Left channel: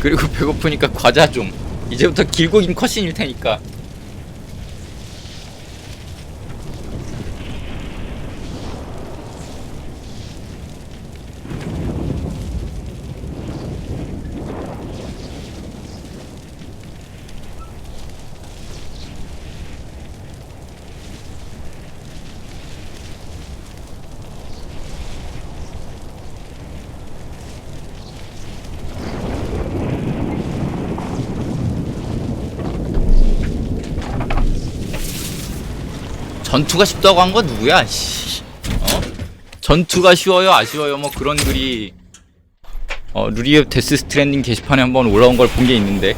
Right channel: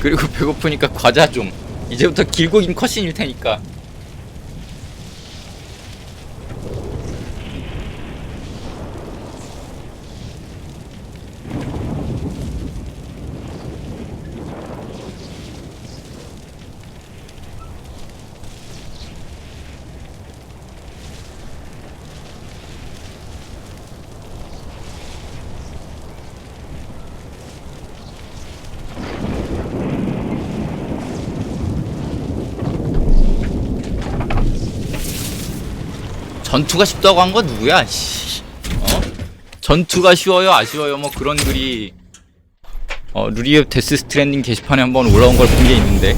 그리고 배고프니까 과자 좀. 이제부터 길고 긴 컷신일 테니까. 전투가 쉽다고 한 건 누구야? 씨. 전투가 쉬워요, 아쉬워요, 뭐 그런 글이 루리의 데스 스트랜딩 게시판에 한번 올라온 걸 본 게 있는데.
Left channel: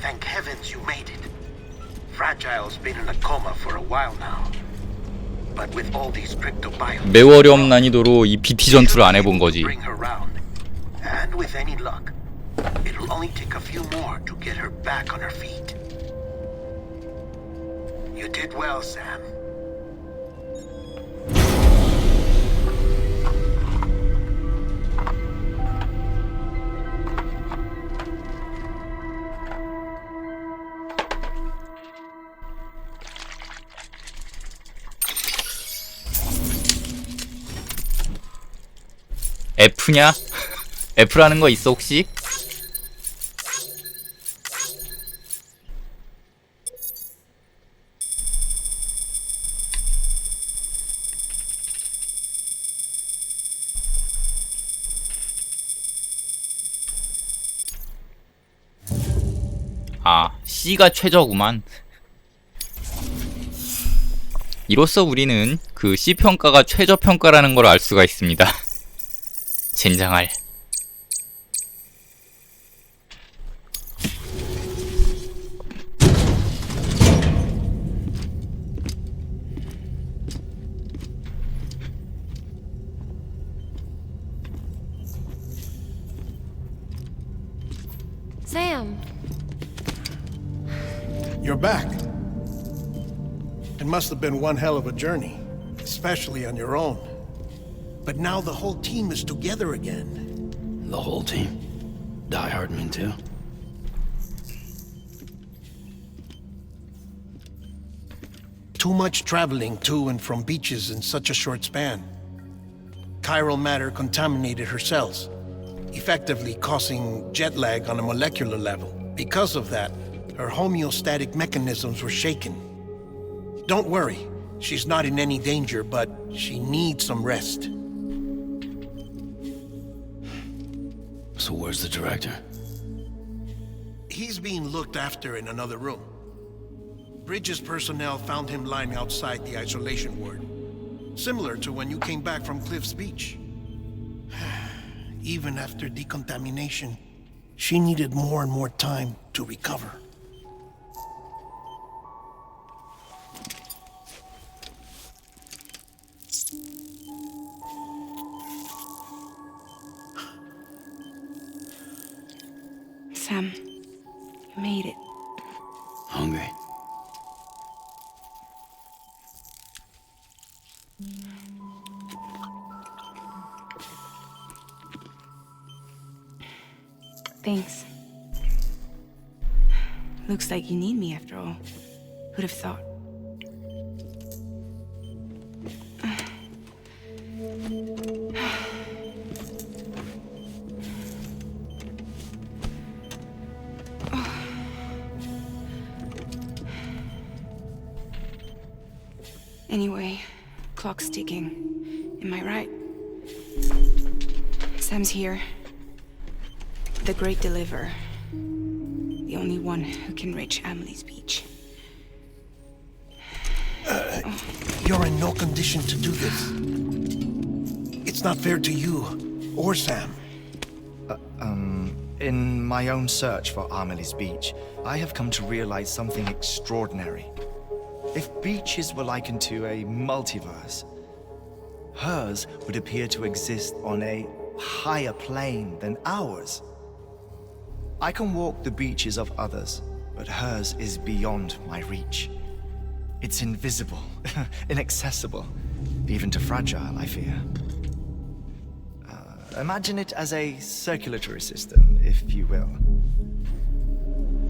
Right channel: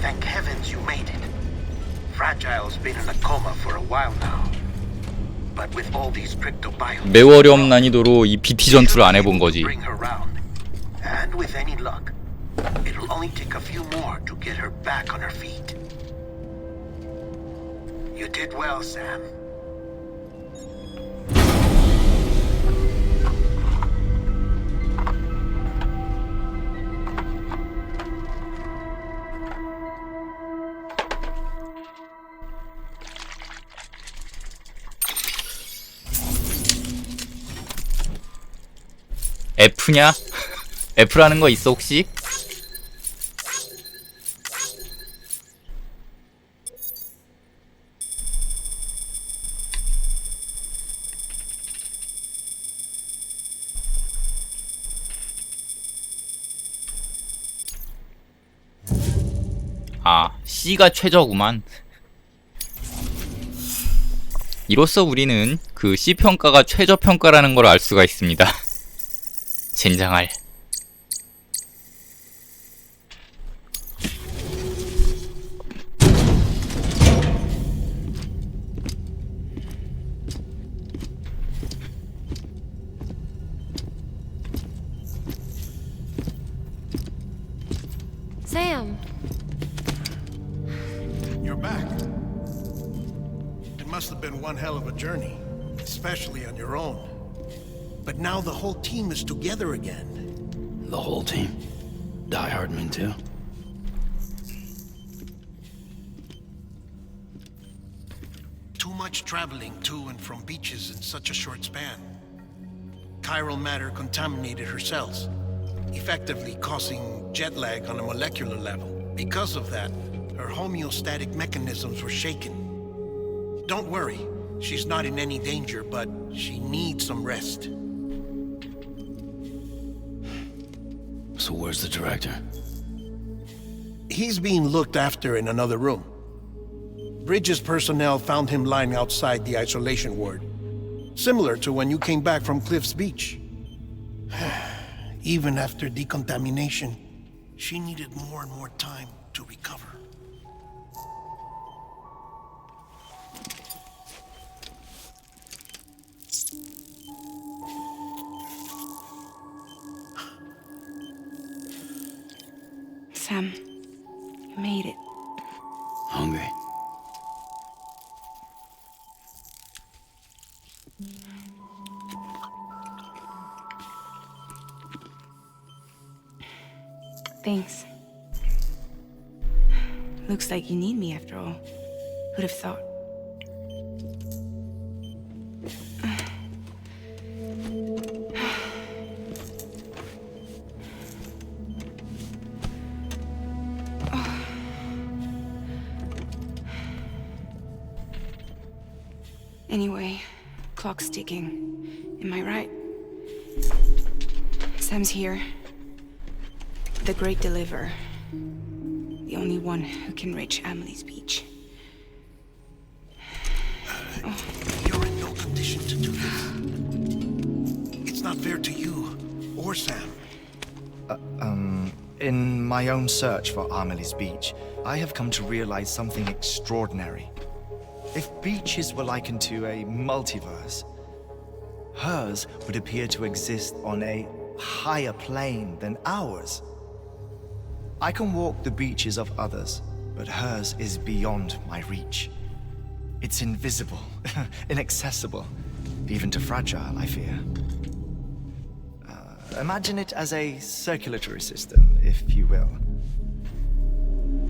Thank heavens you made it. Fragile's been in a coma for a while now. But with all these cryptobiomes, 매우 어려운 난이도로 이 BT 전투를 안 해본 거지. bring her round. And with any luck, it'll only take a few more to get her back on her feet. You did well, Sam. F냐? F라는 거 있어 혹시? 아, C가 최저구만. 이로써 우리는 그 C평가가 최저평가라는 걸 알 수가 있습니다. 젠장할. Sam. You're back. It must have been one hell of a journey, especially on your own. But now the whole team is together again. The whole team. Die Hardman too. Too much traveling to and from beaches in such a short span. Chiral matter contaminated her cells, effectively causing jet lag on a molecular level. Because of that, her homeostatic mechanisms were shaken. Don't worry, she's not in any danger, but she needs some rest. So where's the director? He's being looked after in another room. Bridges personnel found him lying outside the isolation ward, similar to when you came back from Cliff's Beach. Even after decontamination, she needed more and more time to recover. Sam, you made it. Hungry? Thanks. Looks like you need me after all. Who'd have thought? Anyway, clock's ticking. Am I right? Sam's here. The Great Deliverer. The only one who can reach Amelie's Beach. You're in no condition to do this. It's not fair to you or Sam. In my own search for Amelie's Beach, I have come to realize something extraordinary. If beaches were likened to a multiverse, hers would appear to exist on a higher plane than ours. I can walk the beaches of others, but hers is beyond my reach. It's invisible, inaccessible, even to Fragile, I fear. Imagine it as a circulatory system, if you will.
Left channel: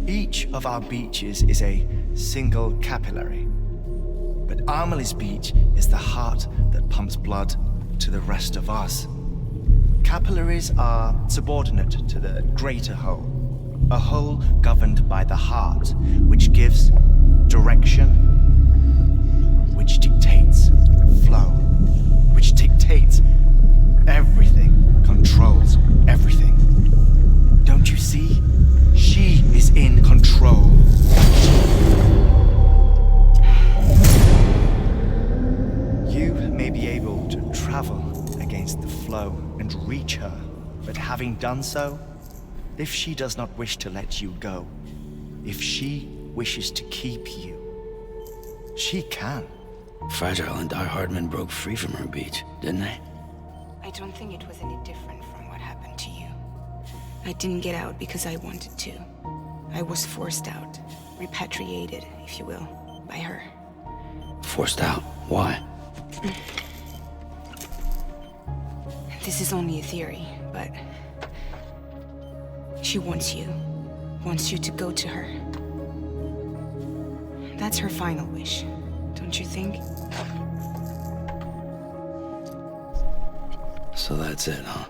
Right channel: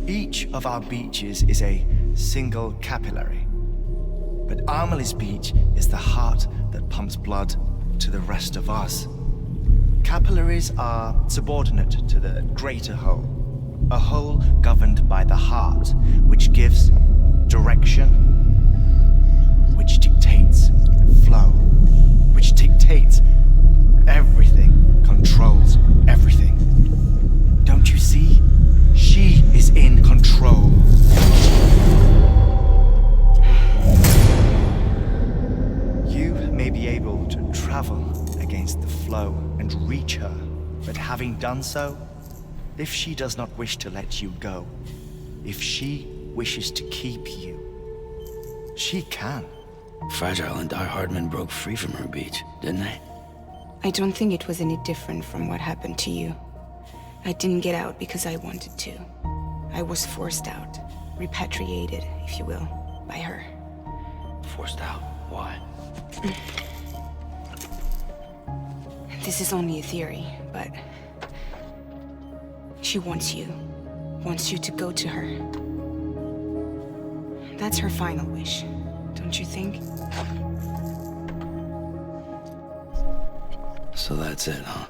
Each of our beaches is a single capillary. But Amelie's beach is the heart that pumps blood to the rest of us. Capillaries are subordinate to the greater whole. A whole governed by the heart, which gives direction, which dictates flow, which dictates everything, controls everything. Don't you see? She is in control. You may be able to travel against the flow and reach her, but having done so, if she does not wish to let you go, if she wishes to keep you, she can. Fragile and Die Hardman broke free from her beach, didn't they? I don't think it was any different from what happened to you. I didn't get out because I wanted to. I was forced out, repatriated, if you will, by her. Forced out. Why? This is only a theory, but she wants you to go to her. That's her final wish, don't you think? So that's it, huh?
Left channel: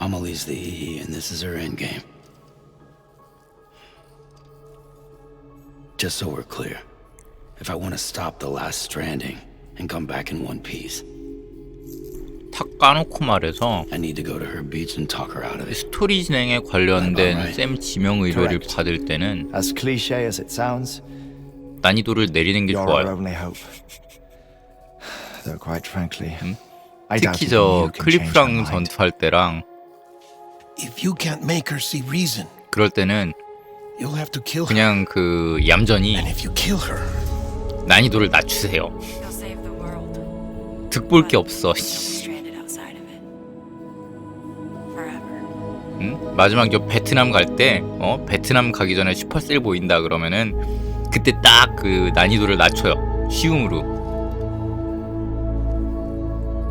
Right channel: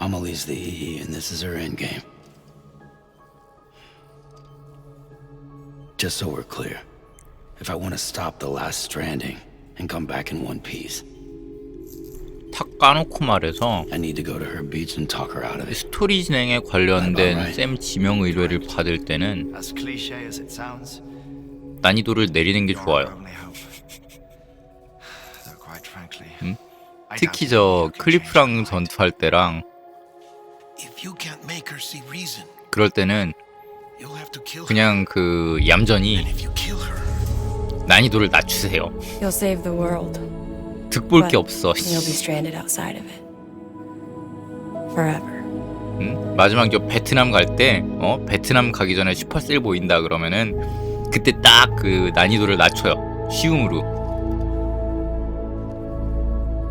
Amelie's the EE and this is her endgame. Just so we're clear, if I want to stop the last stranding and come back in one piece, 탁 까놓고 말해서 I need to go to her beach and talk her out of it. 스토리 진행에 관련된 쌤 지명 의뢰를 받을 때는 As cliche as it sounds, 난이도를 내리는 게 you're 좋아요. our only hope. Though quite frankly, I 특히 doubt 저 you can change her 클리프랑 mind. 전투할 때랑 If you can't make her see reason, 그럴 때는 you'll have to kill her. 그냥 그 얌전히 And if you kill her, 난이도를 낮추세요. You'll save the world. 득볼 게 없어. You'll be stranded outside of it. Forever. 응? 마지막 저 베트남 갈 때, 베트남 가기 전에 슈퍼셀 보인다 그러면은 그때 딱 그 난이도를 낮춰요. 쉬움으로.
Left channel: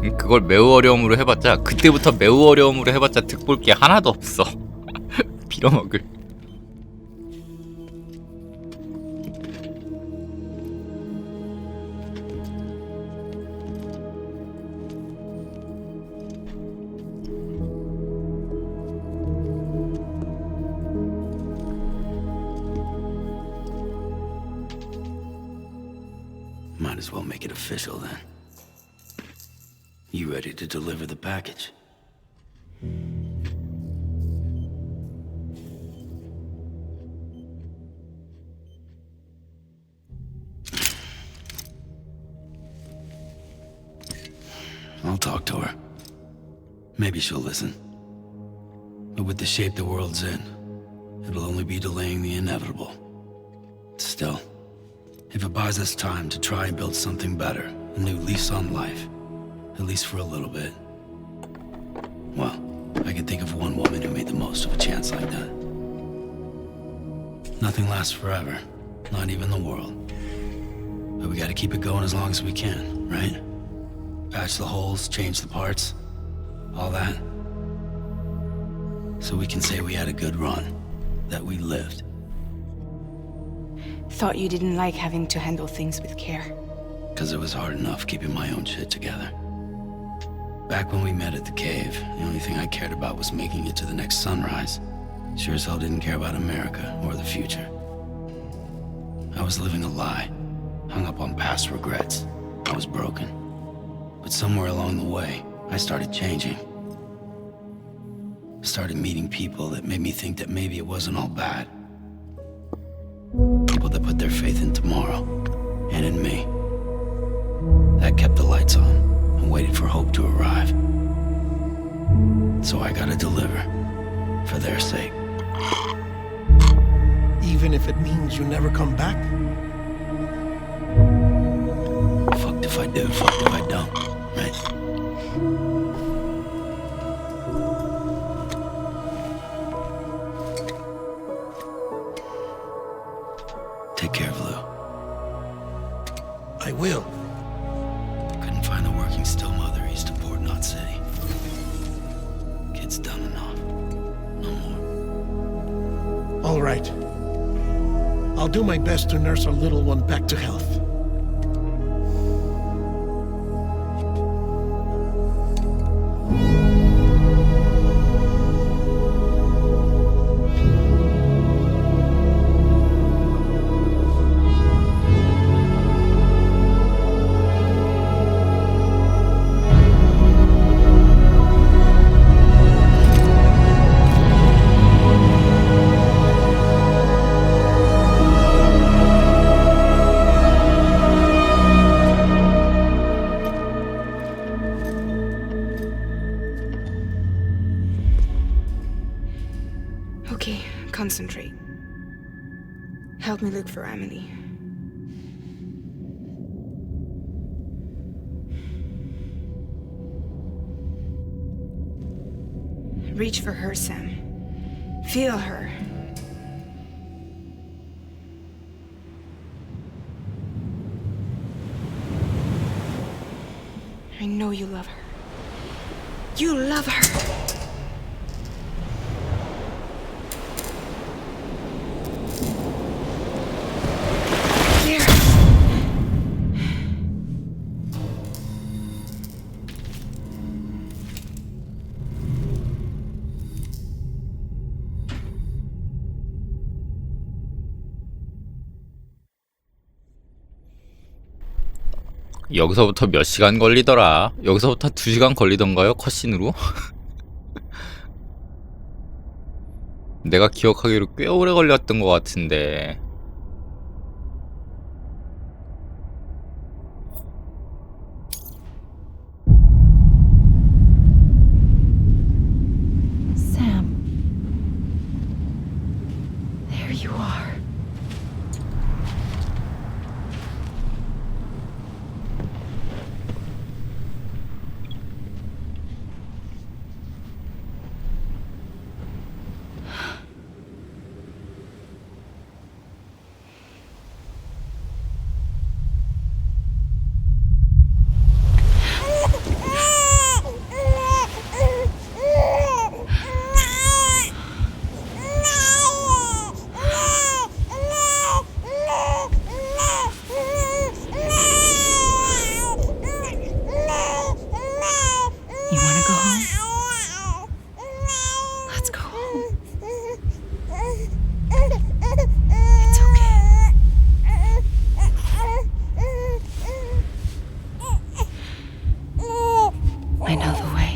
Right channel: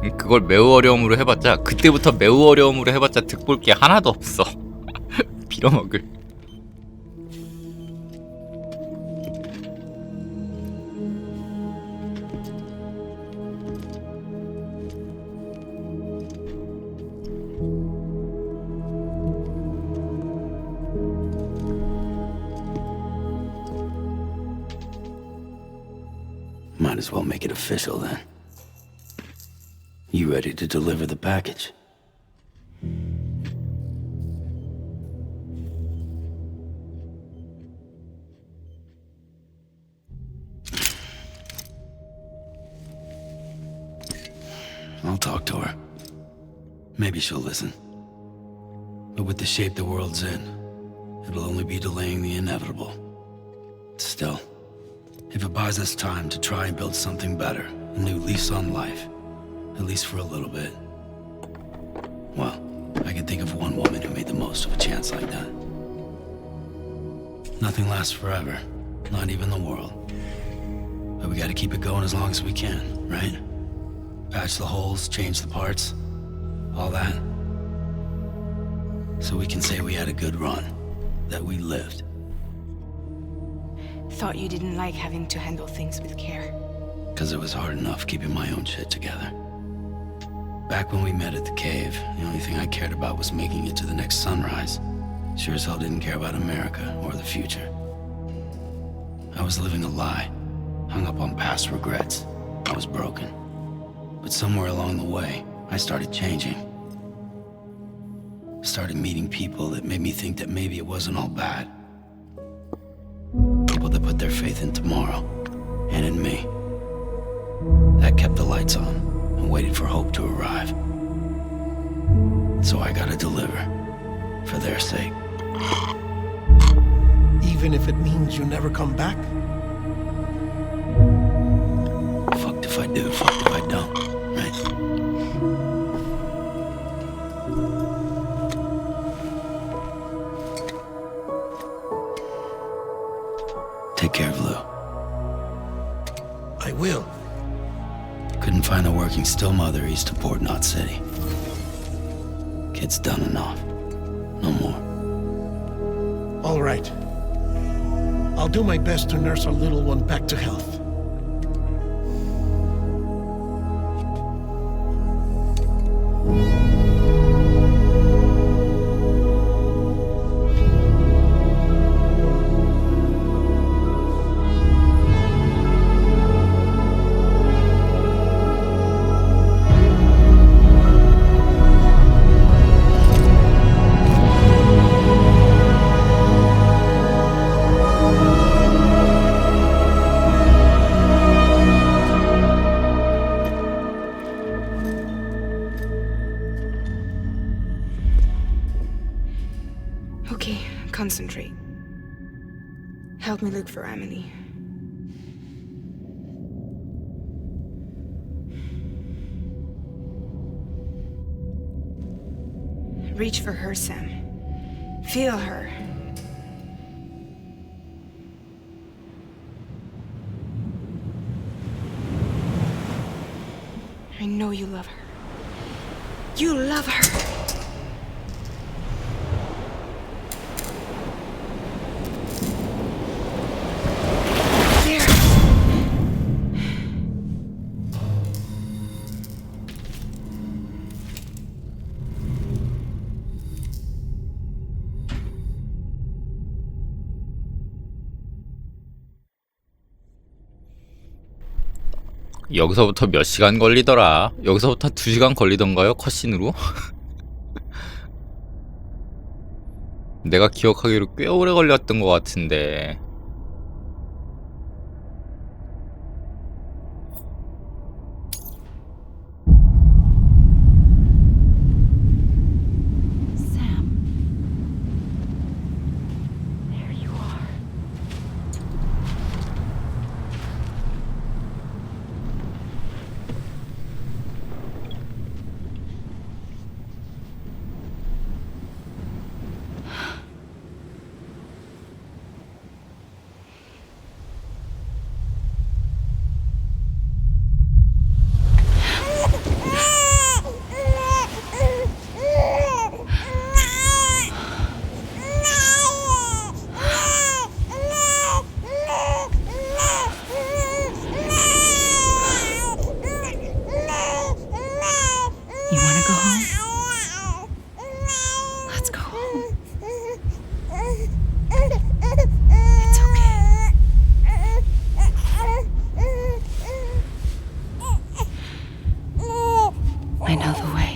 응? 그걸 매우 어려움으로 해봤자 그때부터 매우 어려움으로 해봤자 득볼 게 하나도 없어. 빌어먹을. Might as well make it official then. You ready to deliver the package? I'll talk to her. Maybe she'll listen. But with the shape the world's in, it'll only be delaying the inevitable. Still, if it buys us time to try and build something better, a new lease on life, at least for a little bit, well, I can think of one woman who made the most of a chance like that. Nothing lasts forever, not even the world. But we gotta keep it going as long as we can, right? Patch the holes, change the parts, all that. So we can say we had a good run, that we lived. Thought you didn't like having to handle things with care. Because it was hard enough keeping my own shit together. Back when we met at the cave, the only thing I cared about was making it to the next sunrise. Sure as hell didn't care about America or the future. I was living a lie, hung up on past regrets. I was broken. But somewhere along the way, I started changing. Started meeting people that made me think that maybe it wasn't all bad. People that put their faith in tomorrow, and in me. That kept the lights on, and waited for hope to arrive. So I gotta deliver, for their sake. even if it means you never come back? Fucked if I do, fucked if I don't, right? Take care of Lou. I will. Couldn't find a working still mother east of Port Knot City. It's done enough. No more. All right. I'll do my best to nurse our little one back to health. Okay, concentrate. Help me look for Amelie. Reach for her, Sam. Feel her. I know you love her. You love her! There! 여기서부터 몇 시간 걸리더라? 여기서부터 2시간 걸리던가요? 컷신으로? 내가 기억하기로 꽤 오래 걸렸던 것 같은데. Sam. There you are. You want to go home? Let's go home. It's okay. I know the way.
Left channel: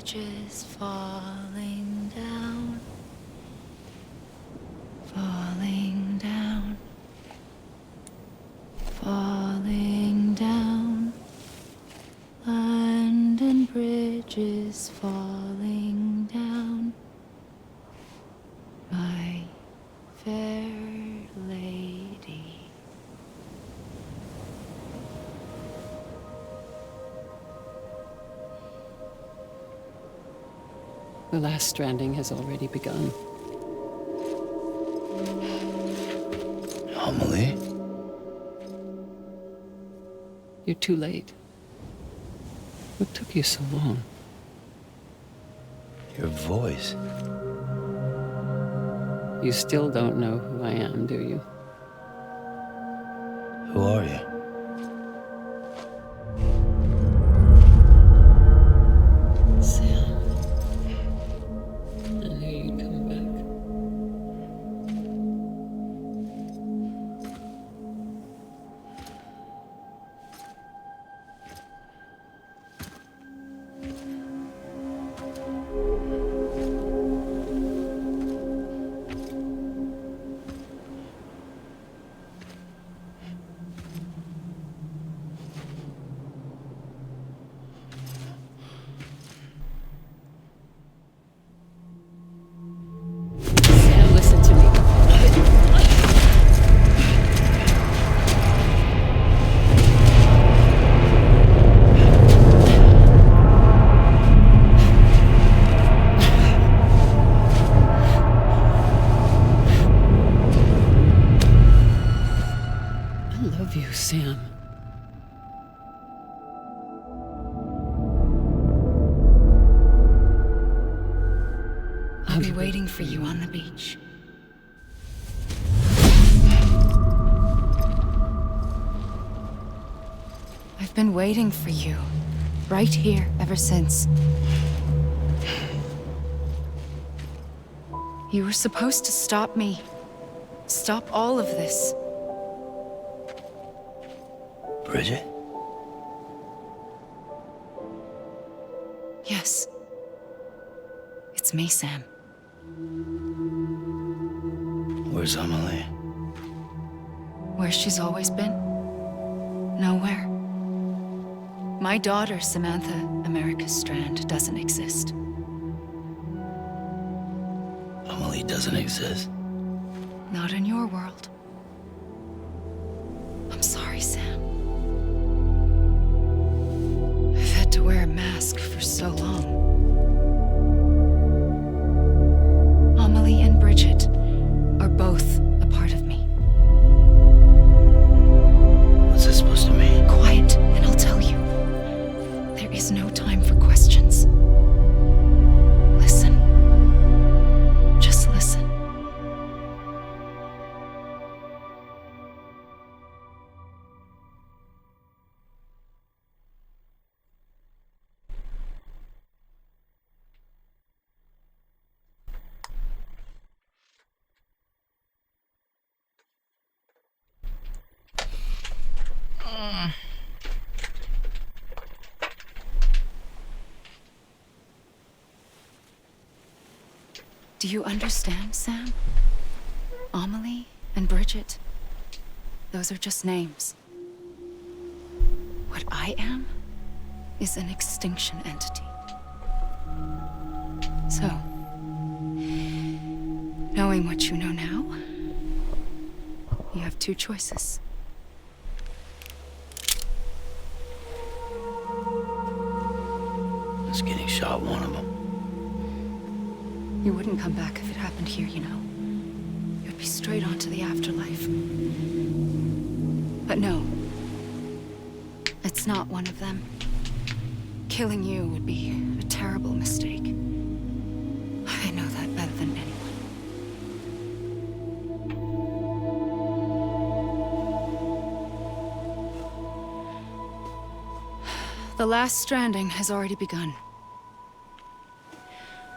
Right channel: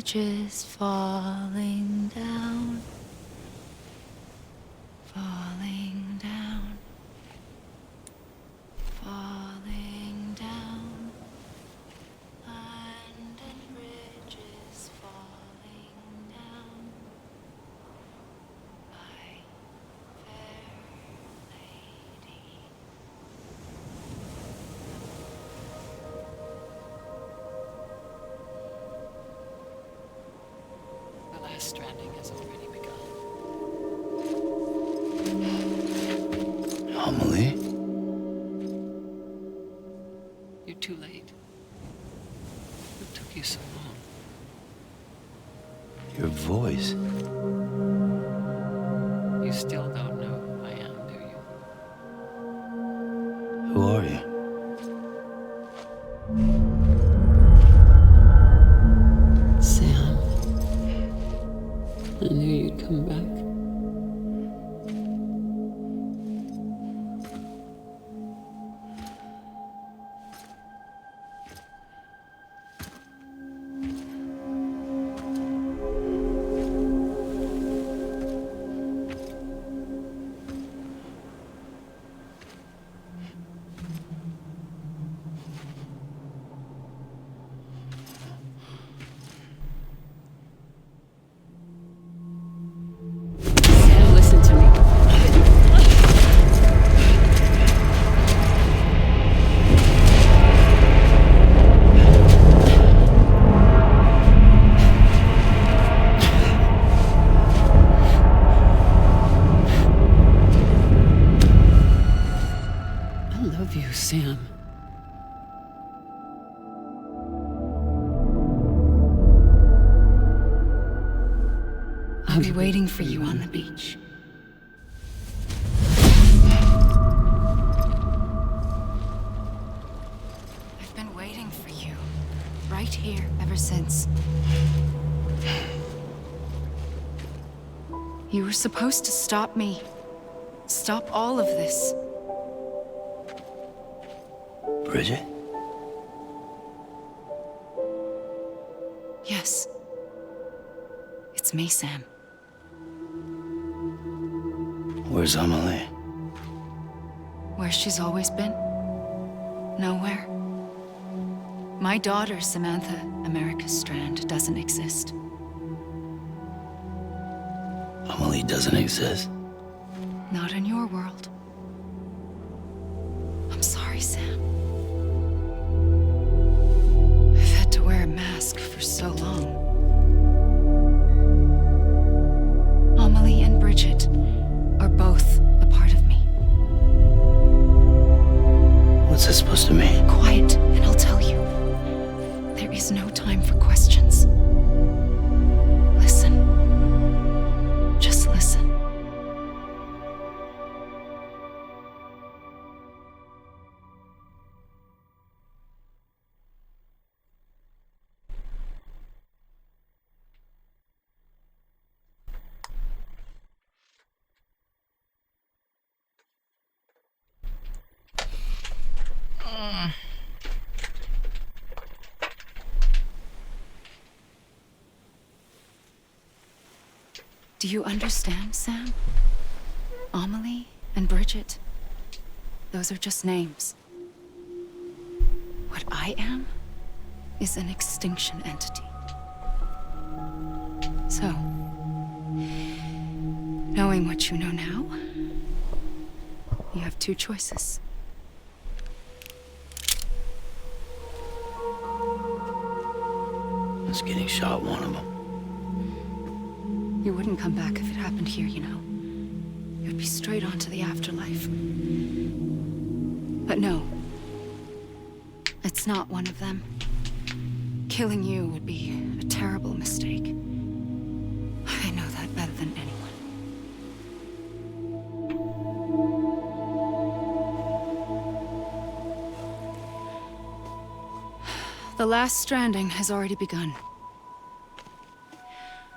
bridges falling down, falling down, falling down. London Bridge is falling down, my fair lady. The last stranding has already begun. Amelie? You're too late. What took you so long? Your voice. You still don't know who I am, do you? Who are you? Sam. I knew you'd come back. Sam, listen to me. I love you, Sam. I'll be waiting for you on the beach. I've been waiting for you, right here, ever since. You were supposed to stop me. Stop all of this. Bridget? Yes. It's me, Sam. Where's Amelie? Where she's always been. Nowhere. My daughter, Samantha America Strand, doesn't exist. Amelie doesn't exist. Not in your world. I'm sorry, Sam. I've had to wear a mask for so long. Amelie and Bridget are both a part of me. What's that supposed to mean? Quiet, and I'll tell you. There is no time for questions. Listen. Just listen. Do you understand, Sam? Amelie and Bridget, those are just names. What I am is an extinction entity. So, knowing what you know now, you have two choices. Is getting shot one of them? You wouldn't come back if it happened here, you know. You'd be straight on to the afterlife. But no. It's not one of them. Killing you would be a terrible mistake. I know that better than anyone. The last stranding has already begun.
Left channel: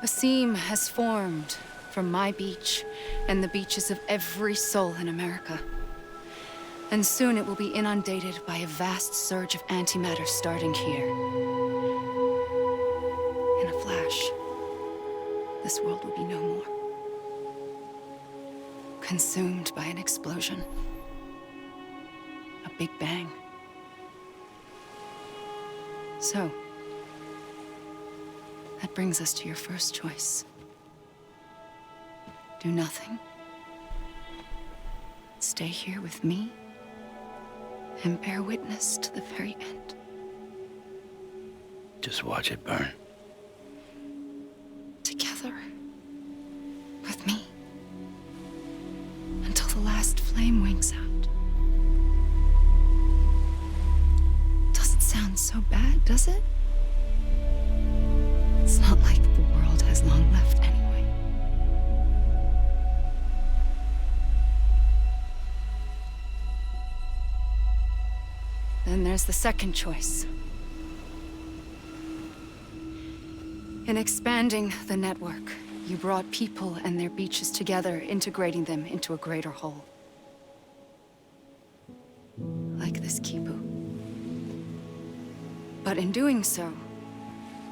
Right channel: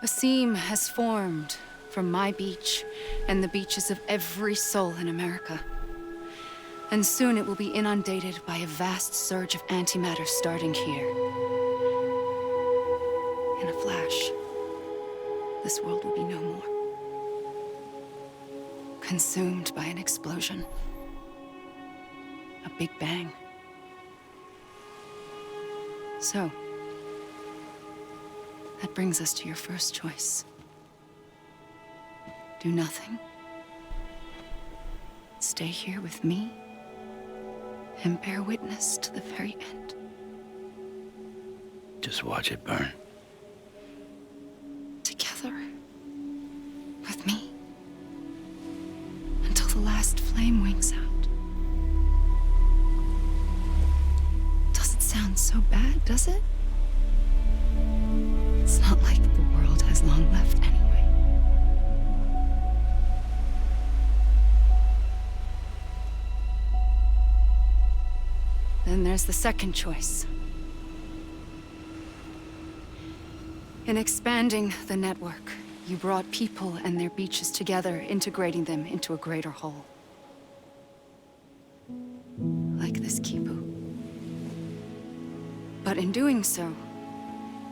A seam has formed from my beach and the beaches of every soul in America. And soon it will be inundated by a vast surge of antimatter starting here. in a flash, this world would be no more. Consumed by an explosion. A big bang. So, that brings us to your first choice. Do nothing. Stay here with me and bear witness to the very end. Just watch it burn. Together. With me. Until the last flame winks out. Doesn't sound so bad, does it? It's not like the world has long left anyway. Then there's the second choice. In expanding the network, you brought people and their beaches together, integrating them into a greater whole. Like this Kipu. But in doing so,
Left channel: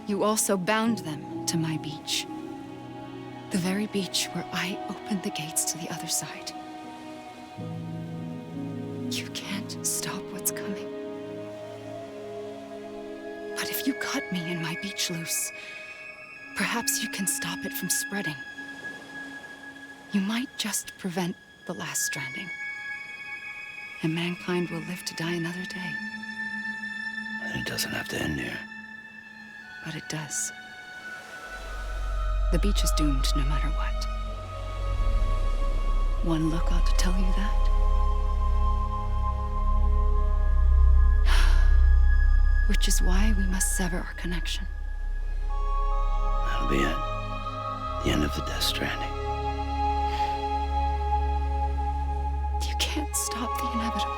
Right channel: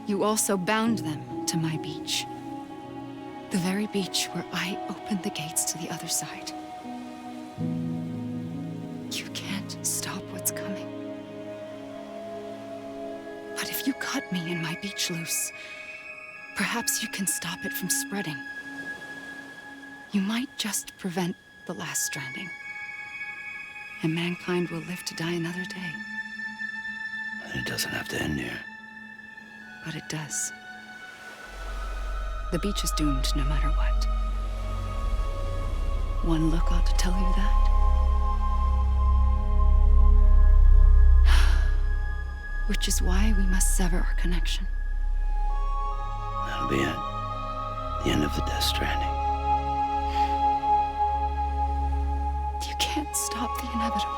you also bound them to my beach. The very beach where I opened the gates to the other side. You can't stop what's coming. But if you cut me and my beach loose, perhaps you can stop it from spreading. You might just prevent the last stranding. And mankind will live to die another day. And it doesn't have to end here. But it does. The beach is doomed no matter what. One look ought to tell you that. Which is why we must sever our connection. That'll be it. The end of the Death Stranding. You can't stop the inevitable.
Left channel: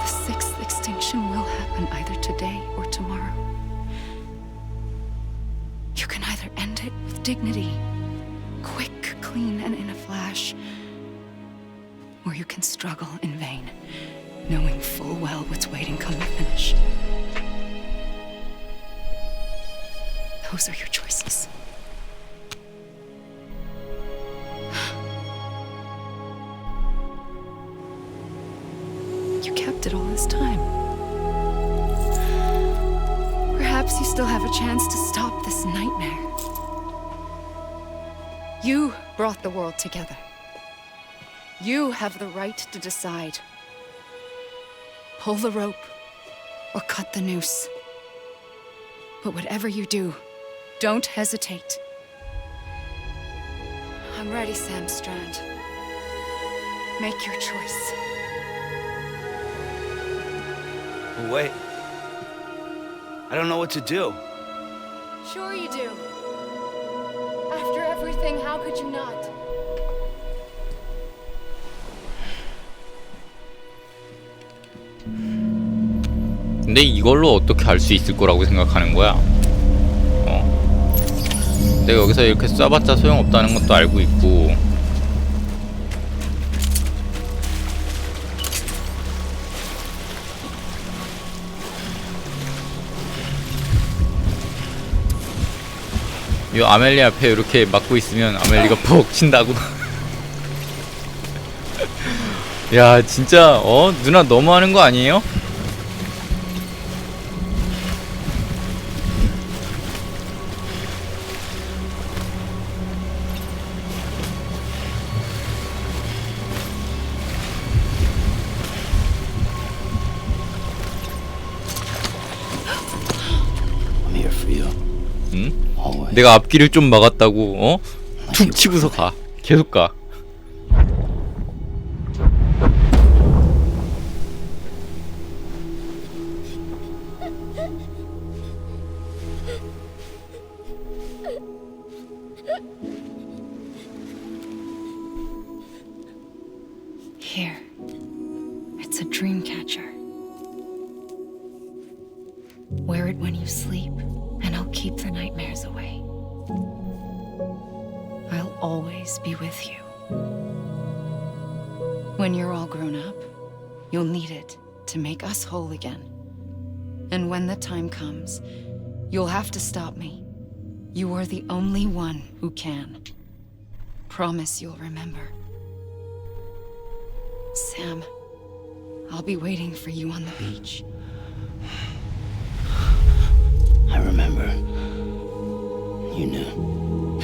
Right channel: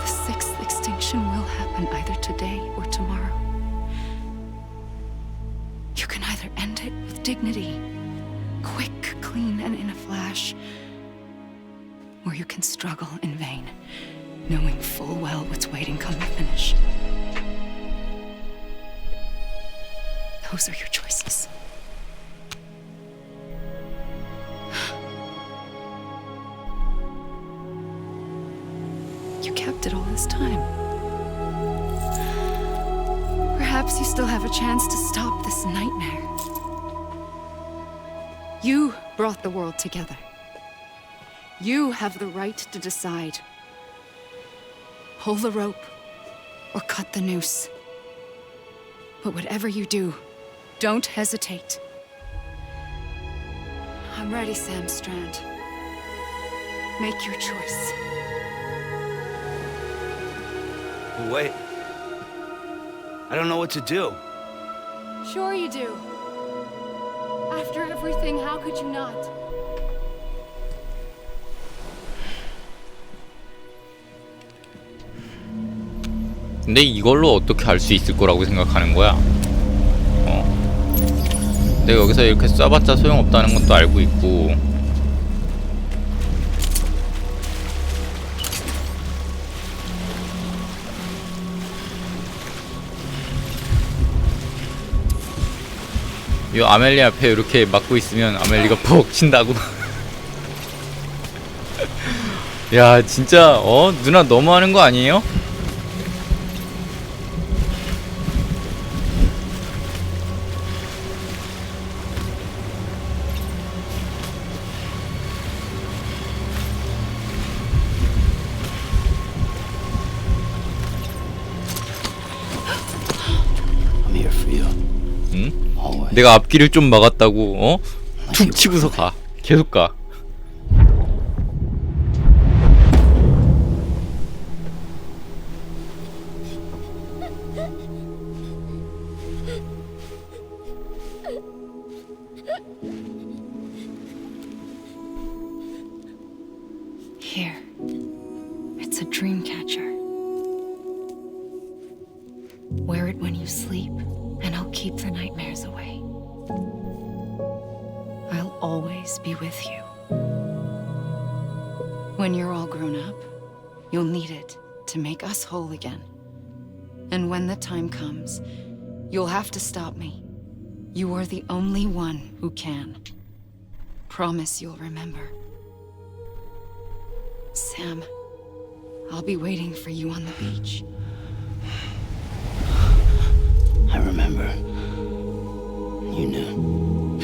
The sixth extinction will happen either today or tomorrow. You can either end it with dignity, quick, clean, and in a flash, or you can struggle in vain, knowing full well what's waiting come the finish. Those are your choices. You kept it all this time. Perhaps you still have a chance to stop this nightmare. You brought the world together. You have the right to decide. Pull the rope or cut the noose. But whatever you do, don't hesitate. I'm ready, Sam Strand. Make your choice. Wait. I don't know what to do. Sure you do. After everything, how could you not? 근데 이걸로 어떻게 알 수 있을 거라고 생각하는 거야? 내가 여기서 이렇게 쏴봤자 소용없다는 것도 알고 있고. 이 아멜리 앞에 이렇게 막고 있으면 아멜리가 퍽 친다고. 야 진짜 누나 너무하는 거 아니에요? I'm here for you. 응? Always. 내가 앞길을 좀 막았다고 툭 치고서 가. 계속 가. Here. It's a dream catcher. Wear it when you sleep, and I'll keep the nightmares away. I'll always be with you. When you're all grown up, you'll need it to make us whole again. And when the time comes, You'll have to stop me. You are the only one who can. Promise you'll remember. Sam, I'll be waiting for you on the beach. I remember. You knew.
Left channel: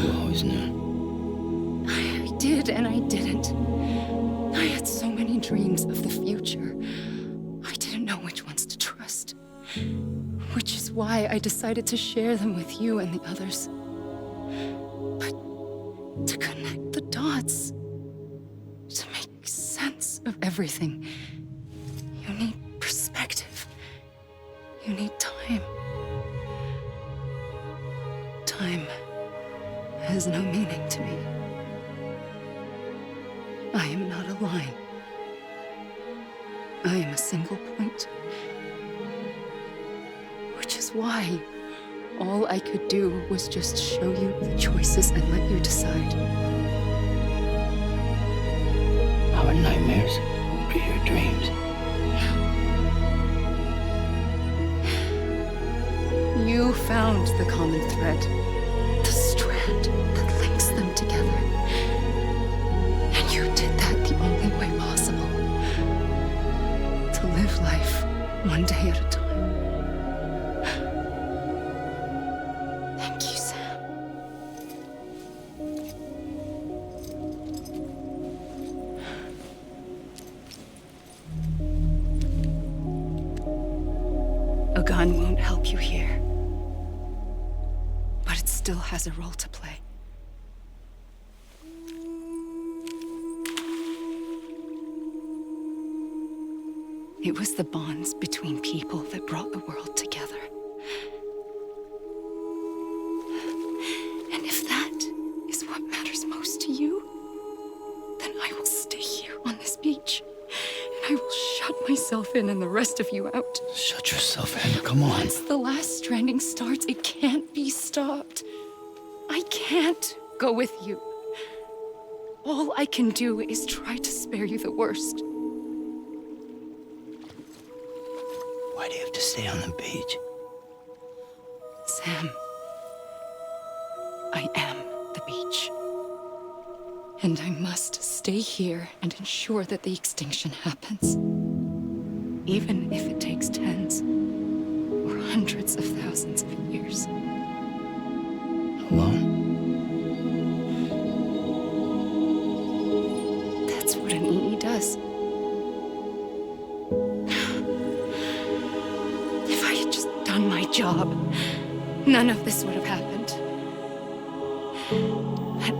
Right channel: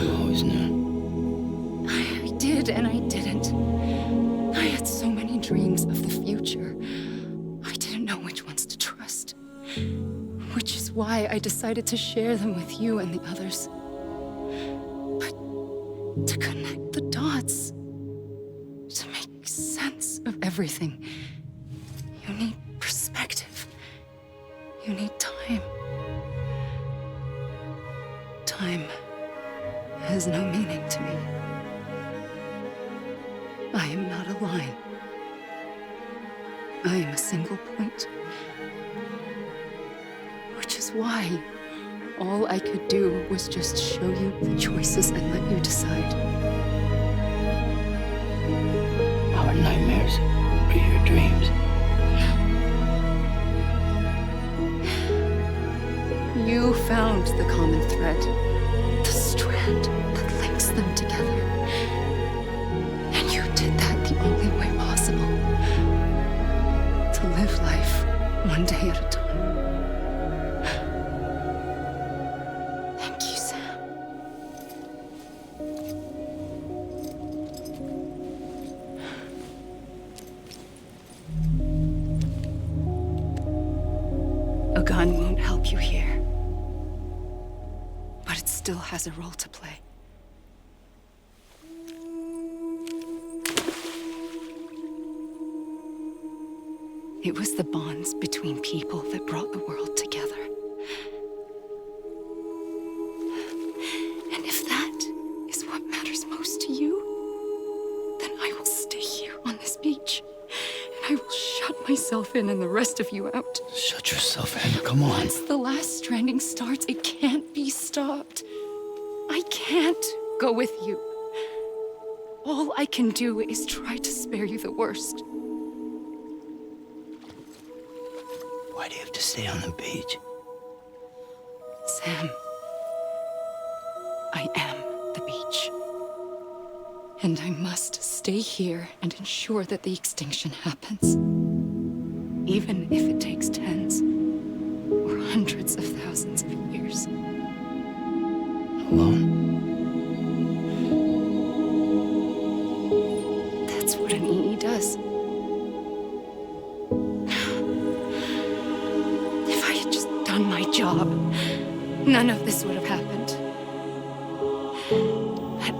You always knew. I did and I didn't. I had so many dreams of the future. I didn't know which ones to trust. Which is why I decided to share them with you and the others. But to connect the dots, to make sense of everything, you need perspective. You need time. Time has no meaning to me. I am not a line. I am a single point. Which is why all I could do was just show you the choices and let you decide. Our nightmares are your dreams. You found the common thread, the strand that links them together. And you did that the only way possible. To live life one day at a time. Thank you, Sam. A gun won't help you here. But it still has a role to play. It was the bonds between people that brought the world together. And if that is what matters most to you, then I will stay here on this beach. And I will shut myself in and the rest of you out. Shut yourself in. Come on. Once the last stranding starts, it can't be stopped. I can't go with you. All I can do is try to spare you the worst. Why do you have to stay on the beach? Sam, I am the beach. And I must stay here and ensure that the extinction happens. Even if it takes tens or hundreds of thousands of years. Alone? That's what an EE does. If I had just done my job, none of this would have happened. But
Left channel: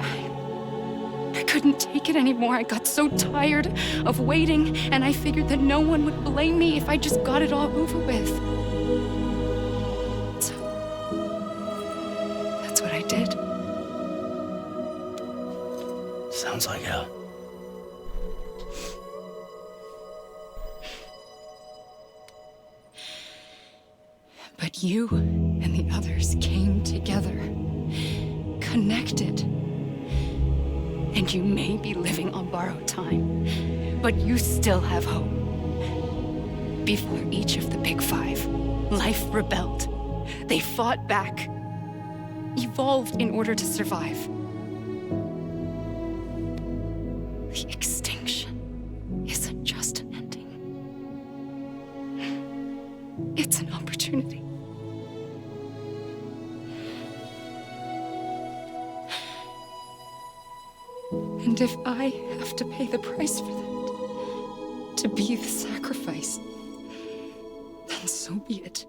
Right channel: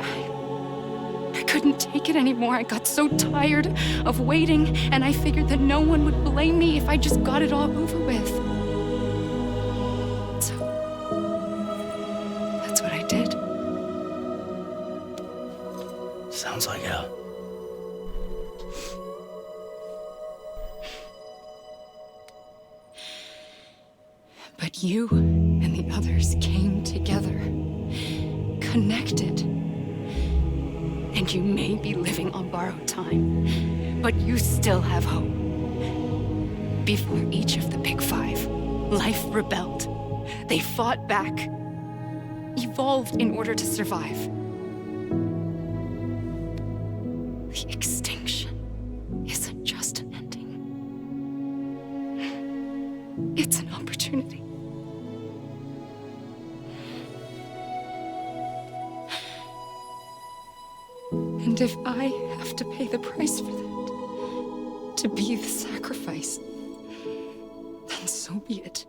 I couldn't take it anymore. I got so tired of waiting, and I figured that no one would blame me if I just got it all over with. So, that's what I did. Sounds like hell. But you and the others came together, connected. And you may be living on borrowed time, but you still have hope. Before each of the Big Five, life rebelled. They fought back, evolved in order to survive. The extinction isn't just an ending. It's an opportunity. And if I have to pay the price for that, to be the sacrifice, then so be it.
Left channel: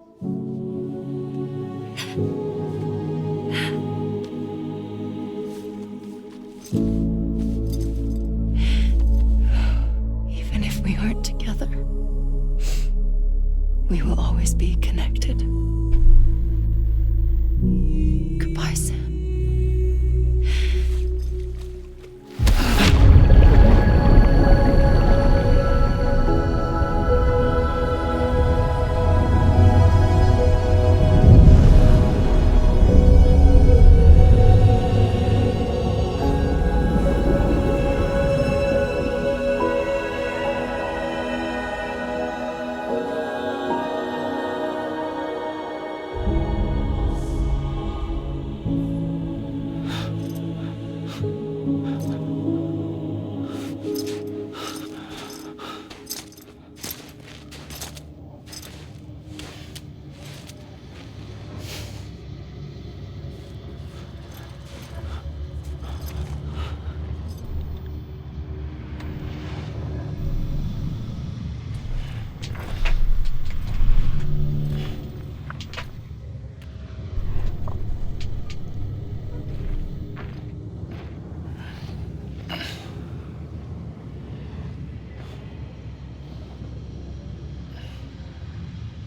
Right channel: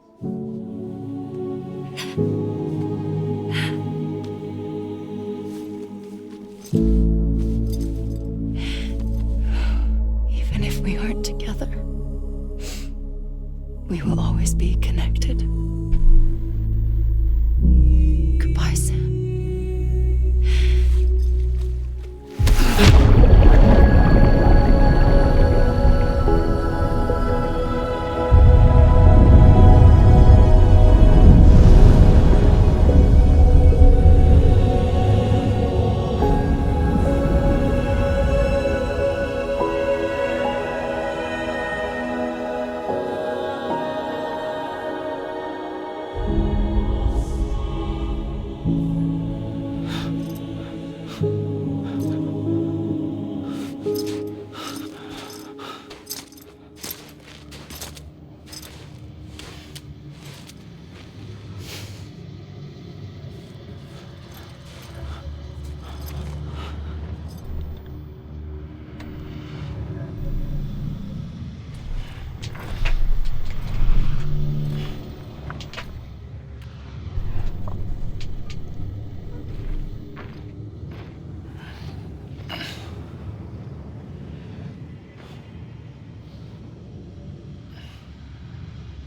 Even if we aren't together, we will always be connected. Goodbye, Sam.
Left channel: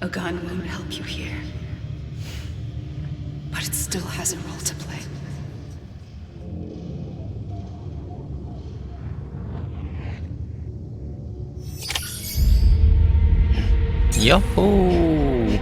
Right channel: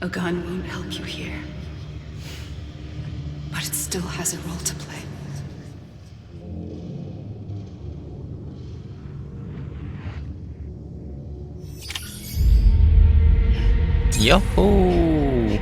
A gun won't help you here. But it still has a role to play. 야호.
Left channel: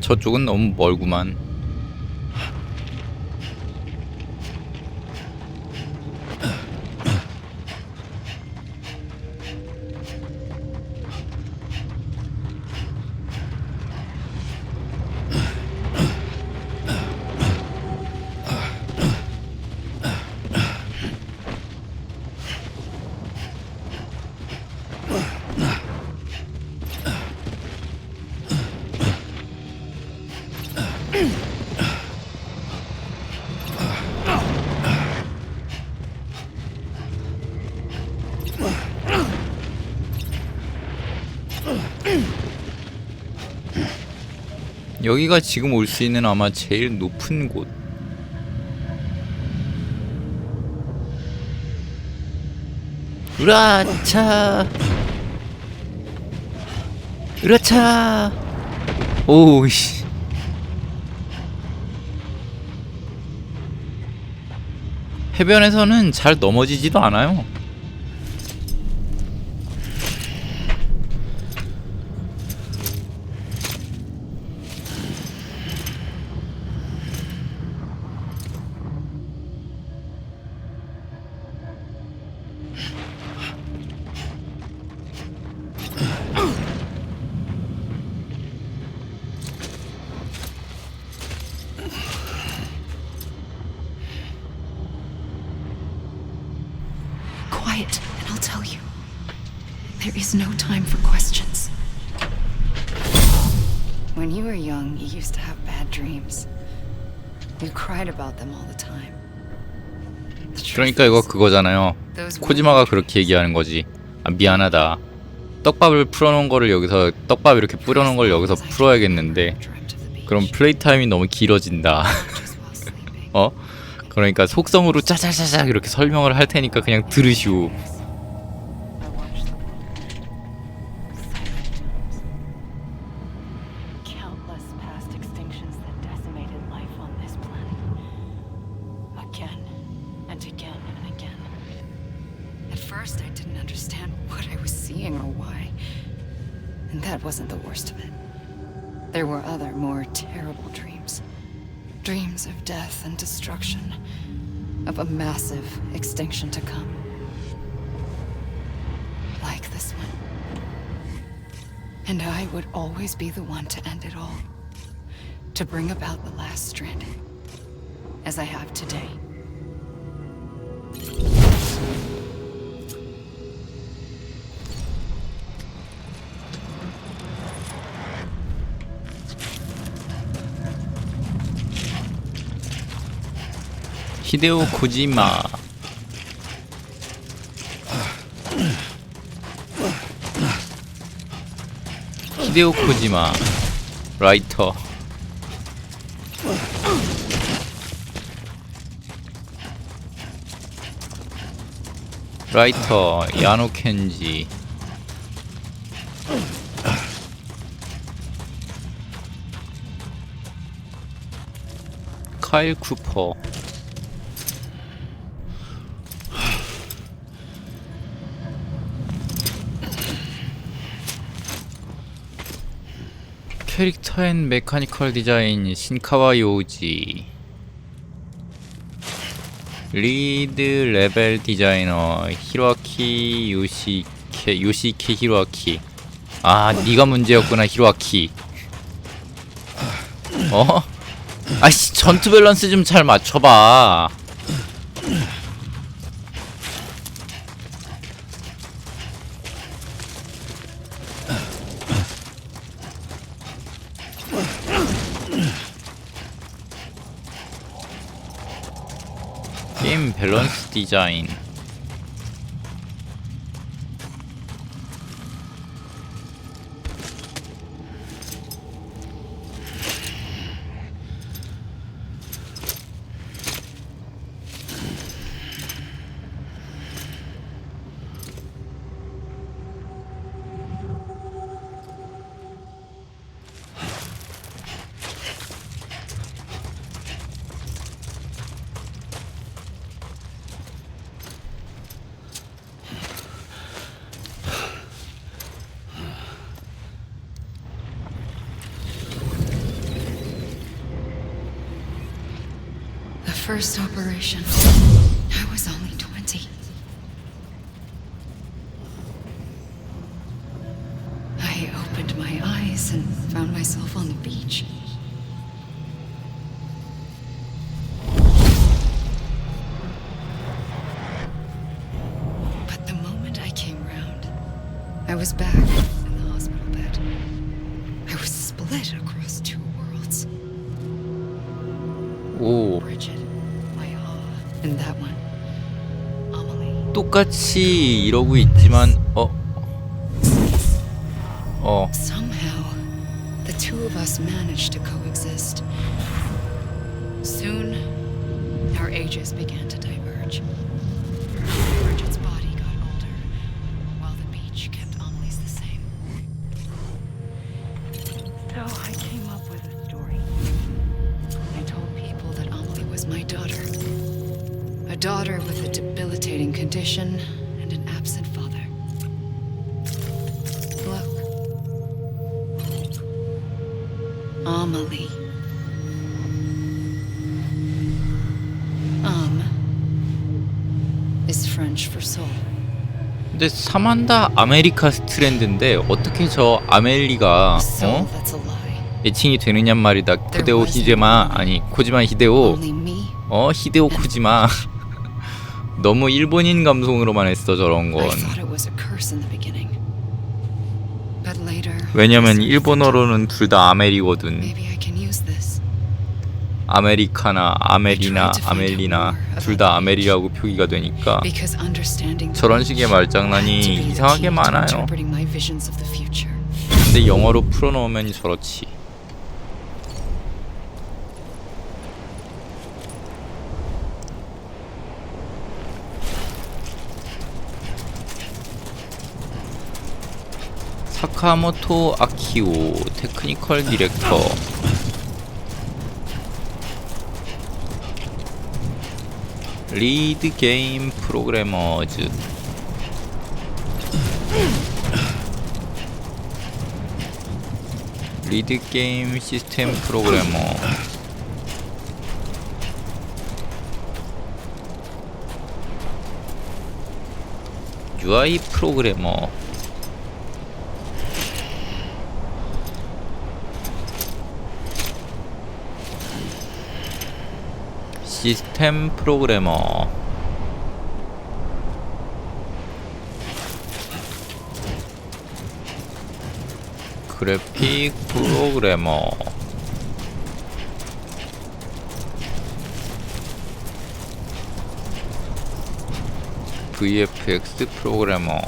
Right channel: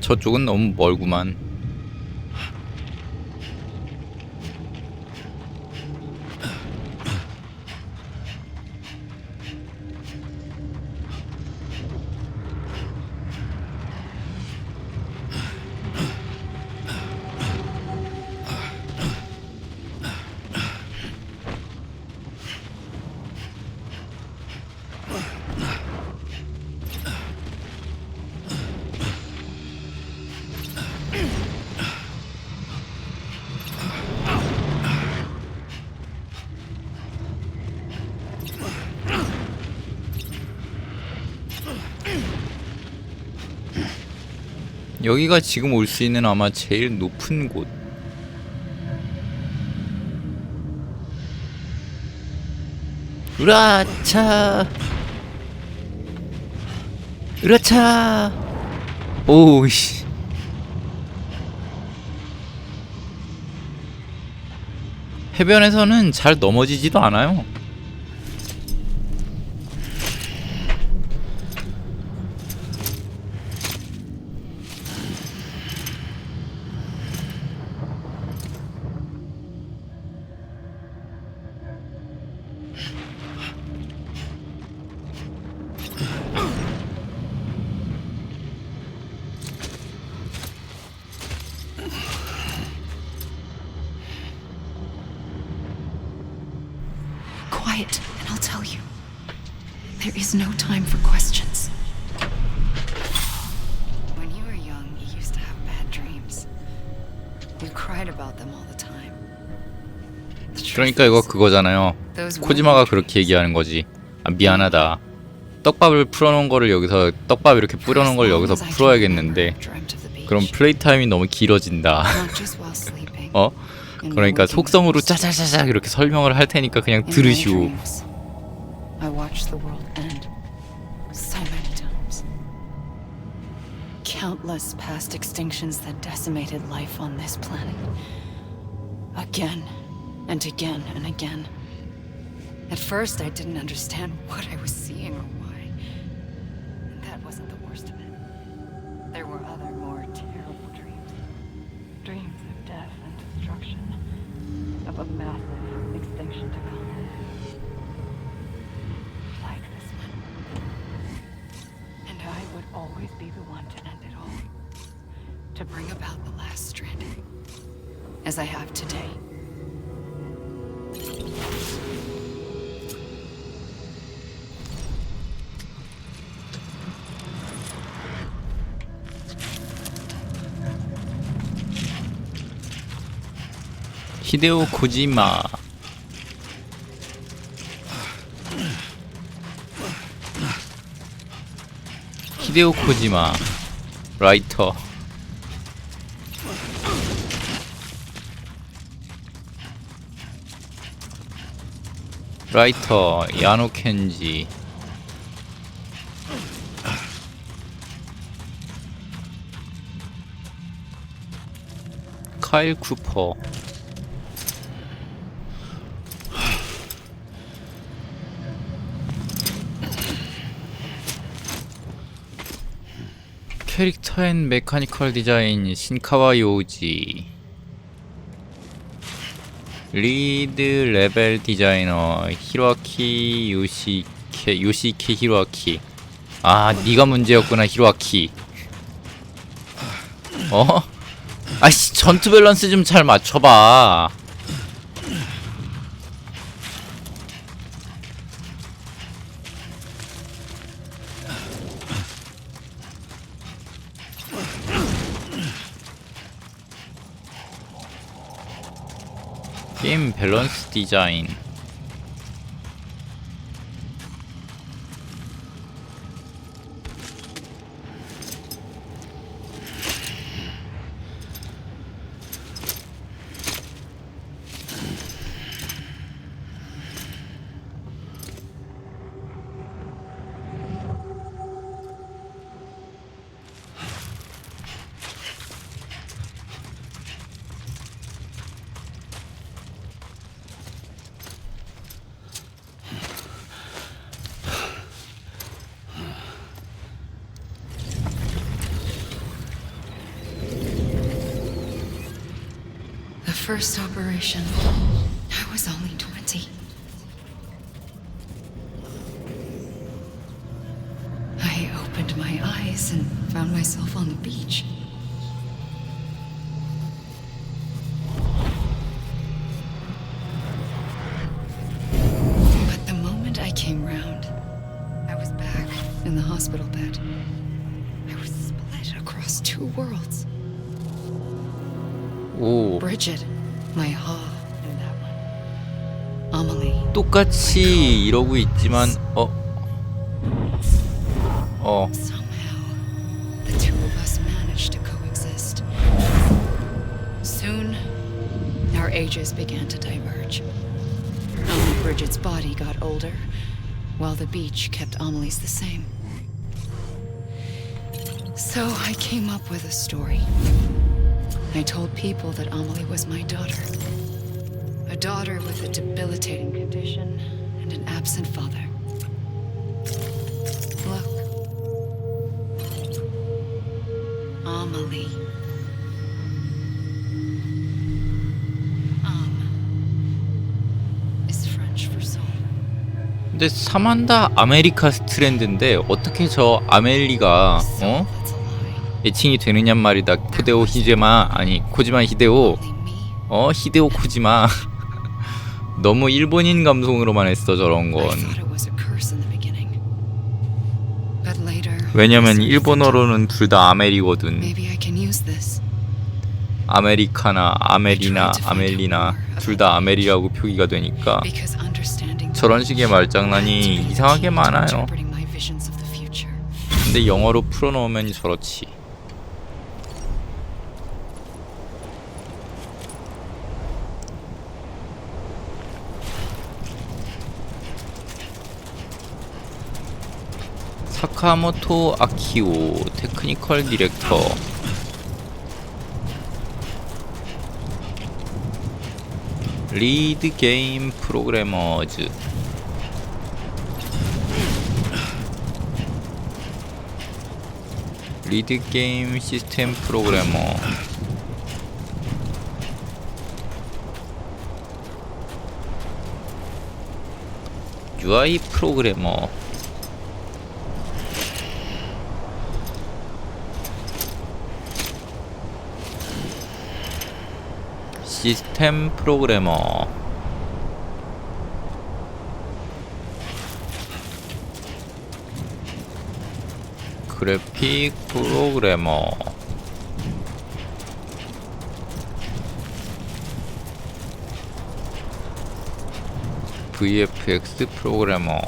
저쪽은 너무 멀구만. 여기가 지금 올 수 있는 아마 제일 높은 곳. 으라차. 으라차. 오우씨. 해변에서는 잘 넘어지지도 않아요. Quiet, and I'll tell you. There is no time for questions. When you were young, you used to have bad dreams. You cried about them all the time. 그러니까 이거 그거잖아요. 코지마가 그렇게 얘기하는 거지. 아, 미안하다. 떡밥을 풀어놓은 거를 여기서 떡밥 이렇게 뿌려놓은 걸 여기서 풀어야겠는데 그럼 플레이 타임이 너무 길어진다. 어? 그러니까 속성으로 짜자자작 이렇게 설명을 할 테니까 그냥 들으시오. Countless past extinctions that decimated life on this planet. Again and again and again. At first I didn't understand what I was seeing or why. And that wasn't the worst of it. There were other, more terrible dreams. Dreams of death and destruction. Of a massive extinction to come. Like this one. And I would always be the one to end it all. To bring about the last stranding. As I have today. 히데오 코지마. 히데오 코지마 라이터. 야노 켄지. 카일 쿠퍼. 캐릭터 앤 메카니컬 디자인 신카와 요우지. 리드 레벨 디자이너 히로아키 요시케 히로아키. 아, 네가 문제였구나, 히로아키. 아이씨, 전투 밸런스 좀 잘 맞춰봐. 게임 밸런스 디자인. The first operation, I was only 20. I opened my eyes and found myself on the beach. But the moment I came round, I was back in the hospital bed. I was split across two worlds. 오, Bridget, my Ha, and that one. Amelie. 똑같이 이러고 있지만 Somehow, the two of us managed to coexist. Soon, our ages began to diverge. Bridget's body got older, while the beach kept Amelie's the same. So I came up with a story. I told people that Amelie was my daughter. A daughter with a debilitating condition and an absent father. Look. Amelie. Is French for soul. 근데 사만다 아메리카 스트랜드인데 어떻게 저 아멜리가 Soul, that's a lie. 애칭이 되느냔 말이다. 코지마 히데오. Only me. 히데오 코지마. 너무 일본인 감성으로만 했어 저런 I 건. thought it was a curse in the beginning. But later, 왜냐면 일본어로는 둘 다 아멜이거든. maybe I can use this. 아메리카나 아멜이나 아멜리나 둘 다 아멜이라고 표기가 되니까 Because understanding the 저런 식의 beach 말장난이 had to be the 이상하게 key to 많아요. interpreting my visions of the future. 근데 영어로 풀어놓으면 저렇지. 사카모토 아키오 테크니컬 디렉터. 리드 게임 프로그래머즈. 리드 게임 시스템 프로그래머. UI 프로그래머. 시스템 프로그래머. 그래픽 프로그래머. VFX 프로그래머.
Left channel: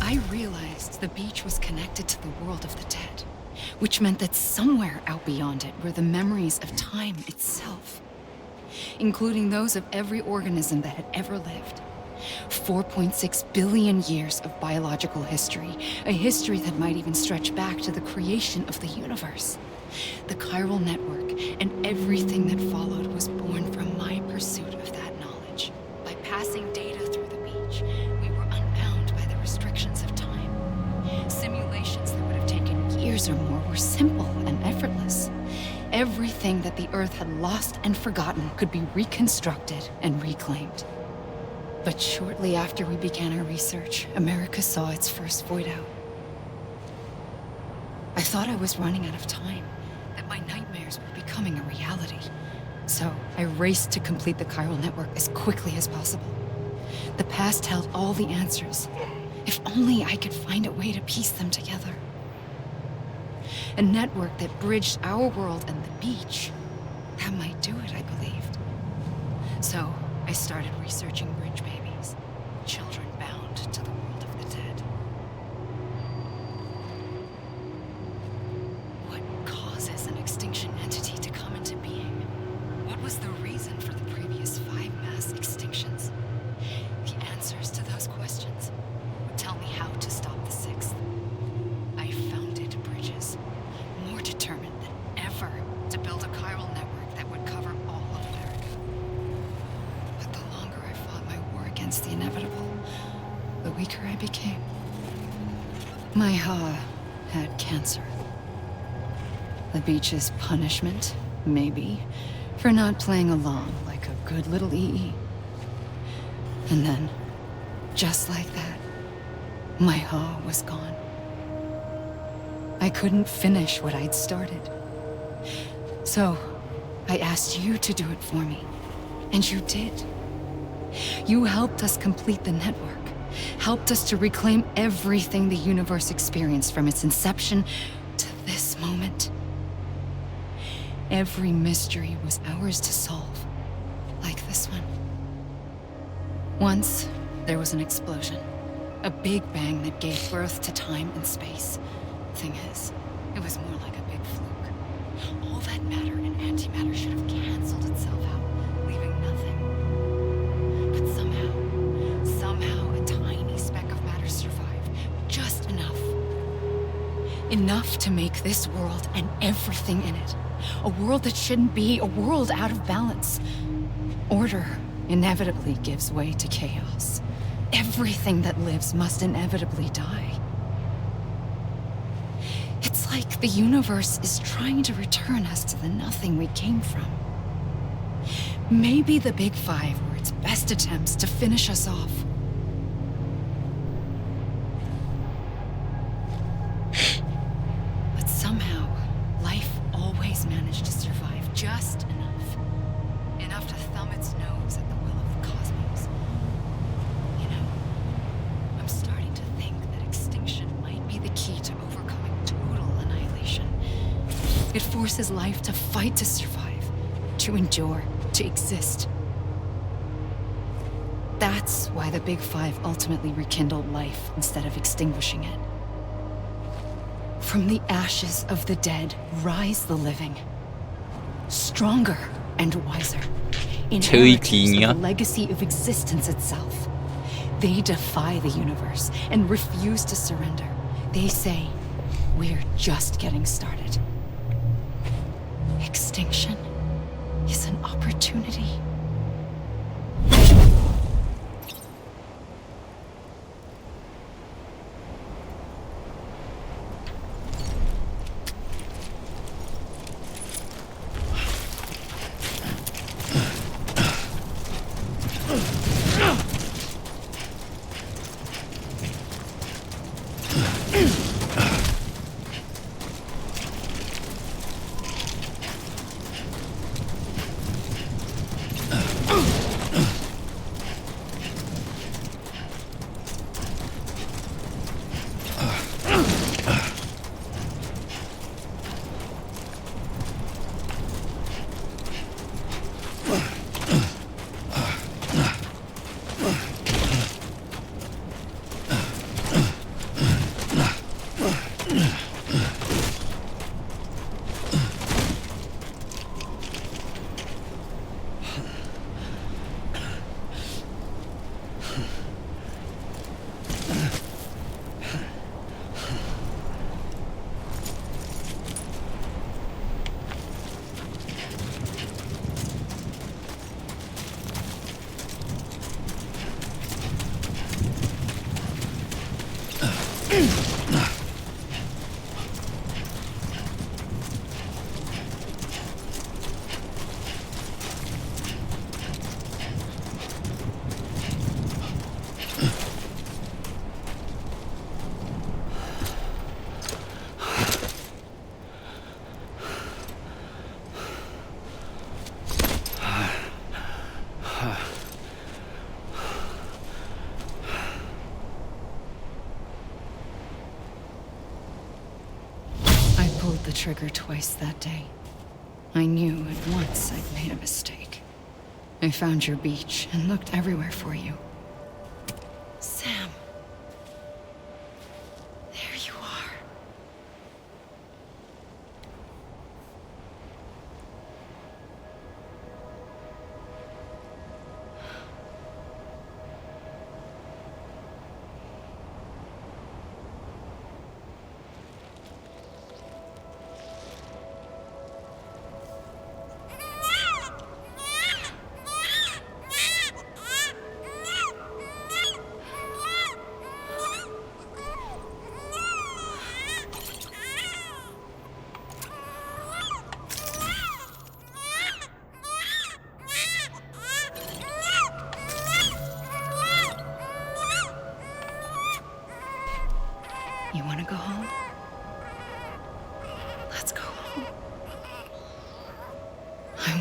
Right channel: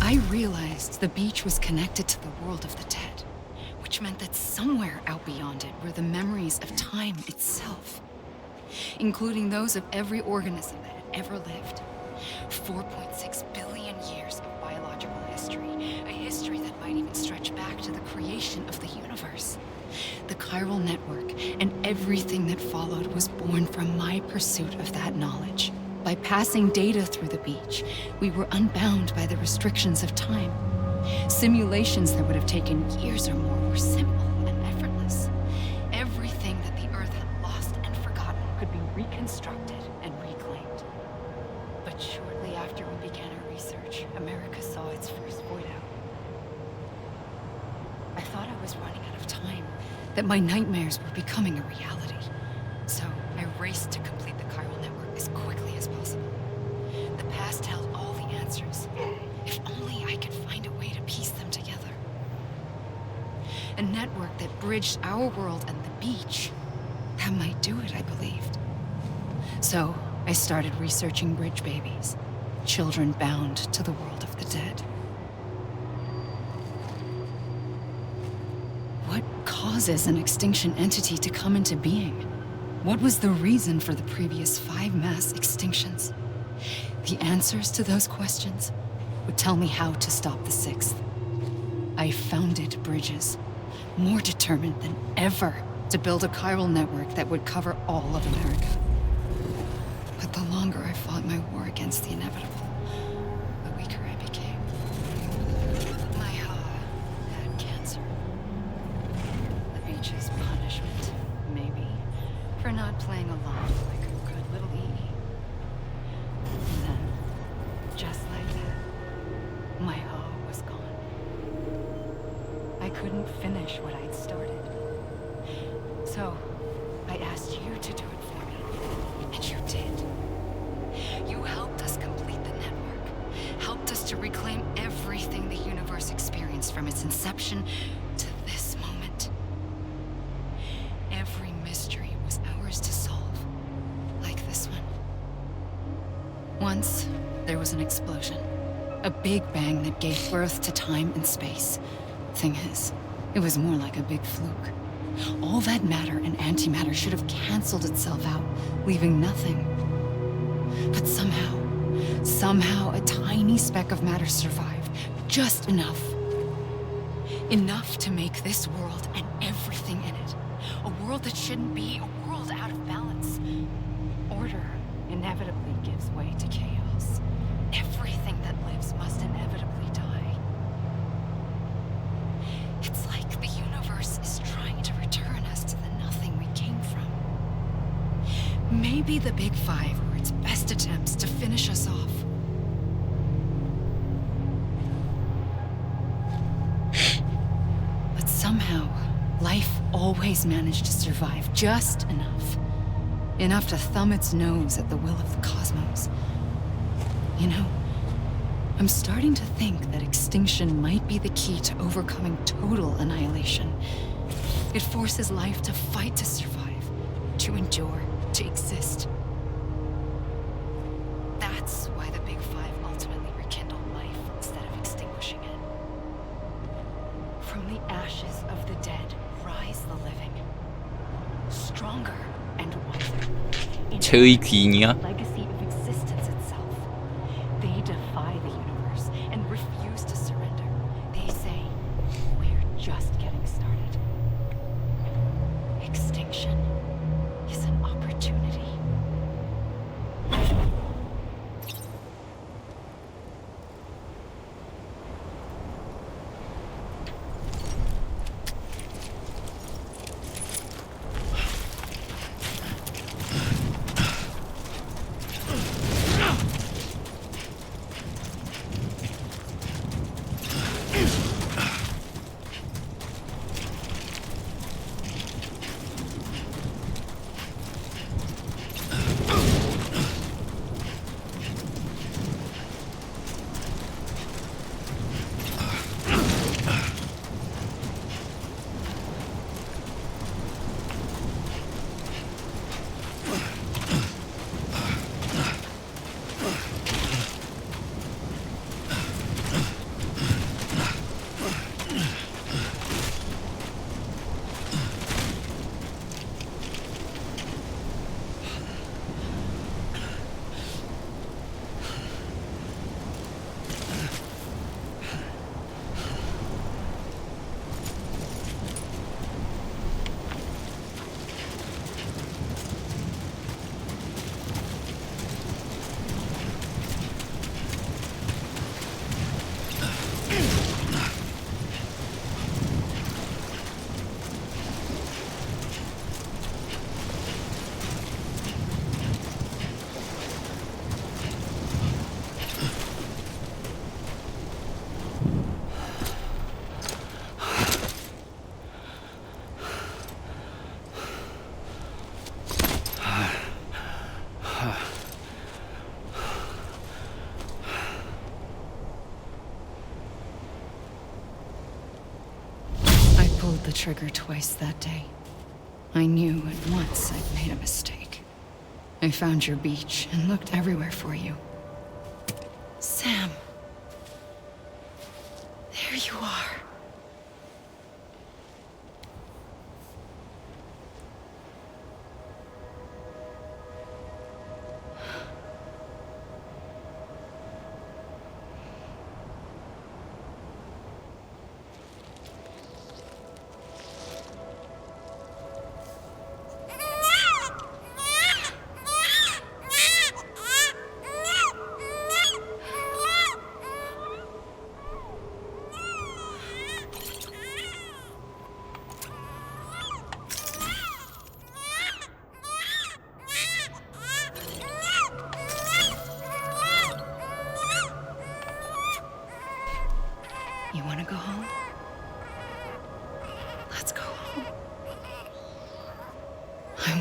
I realized the beach was connected to the world of the dead, which meant that somewhere out beyond it were the memories of time itself, including those of every organism that had ever lived. 4.6 billion years of biological history, a history that might even stretch back to the creation of the universe. The chiral network and everything that followed was born from my pursuit of that knowledge. By passing data through the beach, we were unbound by the restrictions of time. Simulations that would have taken years or more were simple and effortless. Everything that the Earth had lost and forgotten could be reconstructed and reclaimed. But shortly after we began our research, America saw its first void out. I thought I was running out of time, that my nightmares were becoming a reality. So I raced to complete the chiral network as quickly as possible. The past held all the answers. If only I could find a way to piece them together. A network that bridged our world and the beach. That might do it, I believed. So I started researching bridge babies, children bound to the world of the dead. What causes an extinction entity to come into being? What was the reason for the previous 5 mass extinctions? The answers to those questions would tell me how to stop the 6th. I founded bridges, more determined than ever to build a chiral network that would cover all of America. But the longer I fought my war against the inevitable, the weaker I became. My Ha had cancer. The beach's punishment, maybe, for not playing along like a good little EE. And then, just like that, my Ha was gone. I couldn't finish what I'd started. So, I asked you to do it for me. And you did. You helped us complete the network. Helped us to reclaim everything the universe experienced from its inception to this moment. Every mystery was ours to solve, like this one. Once, there was an explosion. A big bang that gave birth to time and space. Thing is, it was more like a big fluke. All that matter and antimatter should have canceled itself out, leaving nothing. But somehow a tiny speck of matter survived. Just enough. Enough to make this world and everything in it. A world that shouldn't be, a world out of balance. Order inevitably gives way to chaos. Everything that lives must inevitably die. It's like the universe is trying to return us to the nothing we came from. Maybe the Big Five were its best attempts to finish us off. But somehow, life always managed to survive just enough. Enough to thumb its nose at the will of the cosmos. You know, I'm starting to think that extinction might be the key to overcoming total annihilation. It forces life to fight to survive, to endure, to exist. That's why the Big Five ultimately rekindled life instead of extinguishing it. From the ashes of the dead rise the living. Stronger and wiser. 제의 귀인이야? The legacy of existence itself. They defy the universe and refuse to surrender. They say, we're just getting started. Extinction is an opportunity. pulled the trigger twice that day. I knew at once I'd made a mistake. I found your beach and looked everywhere for you. Sam. There you are. You want to go home? Let's go home. I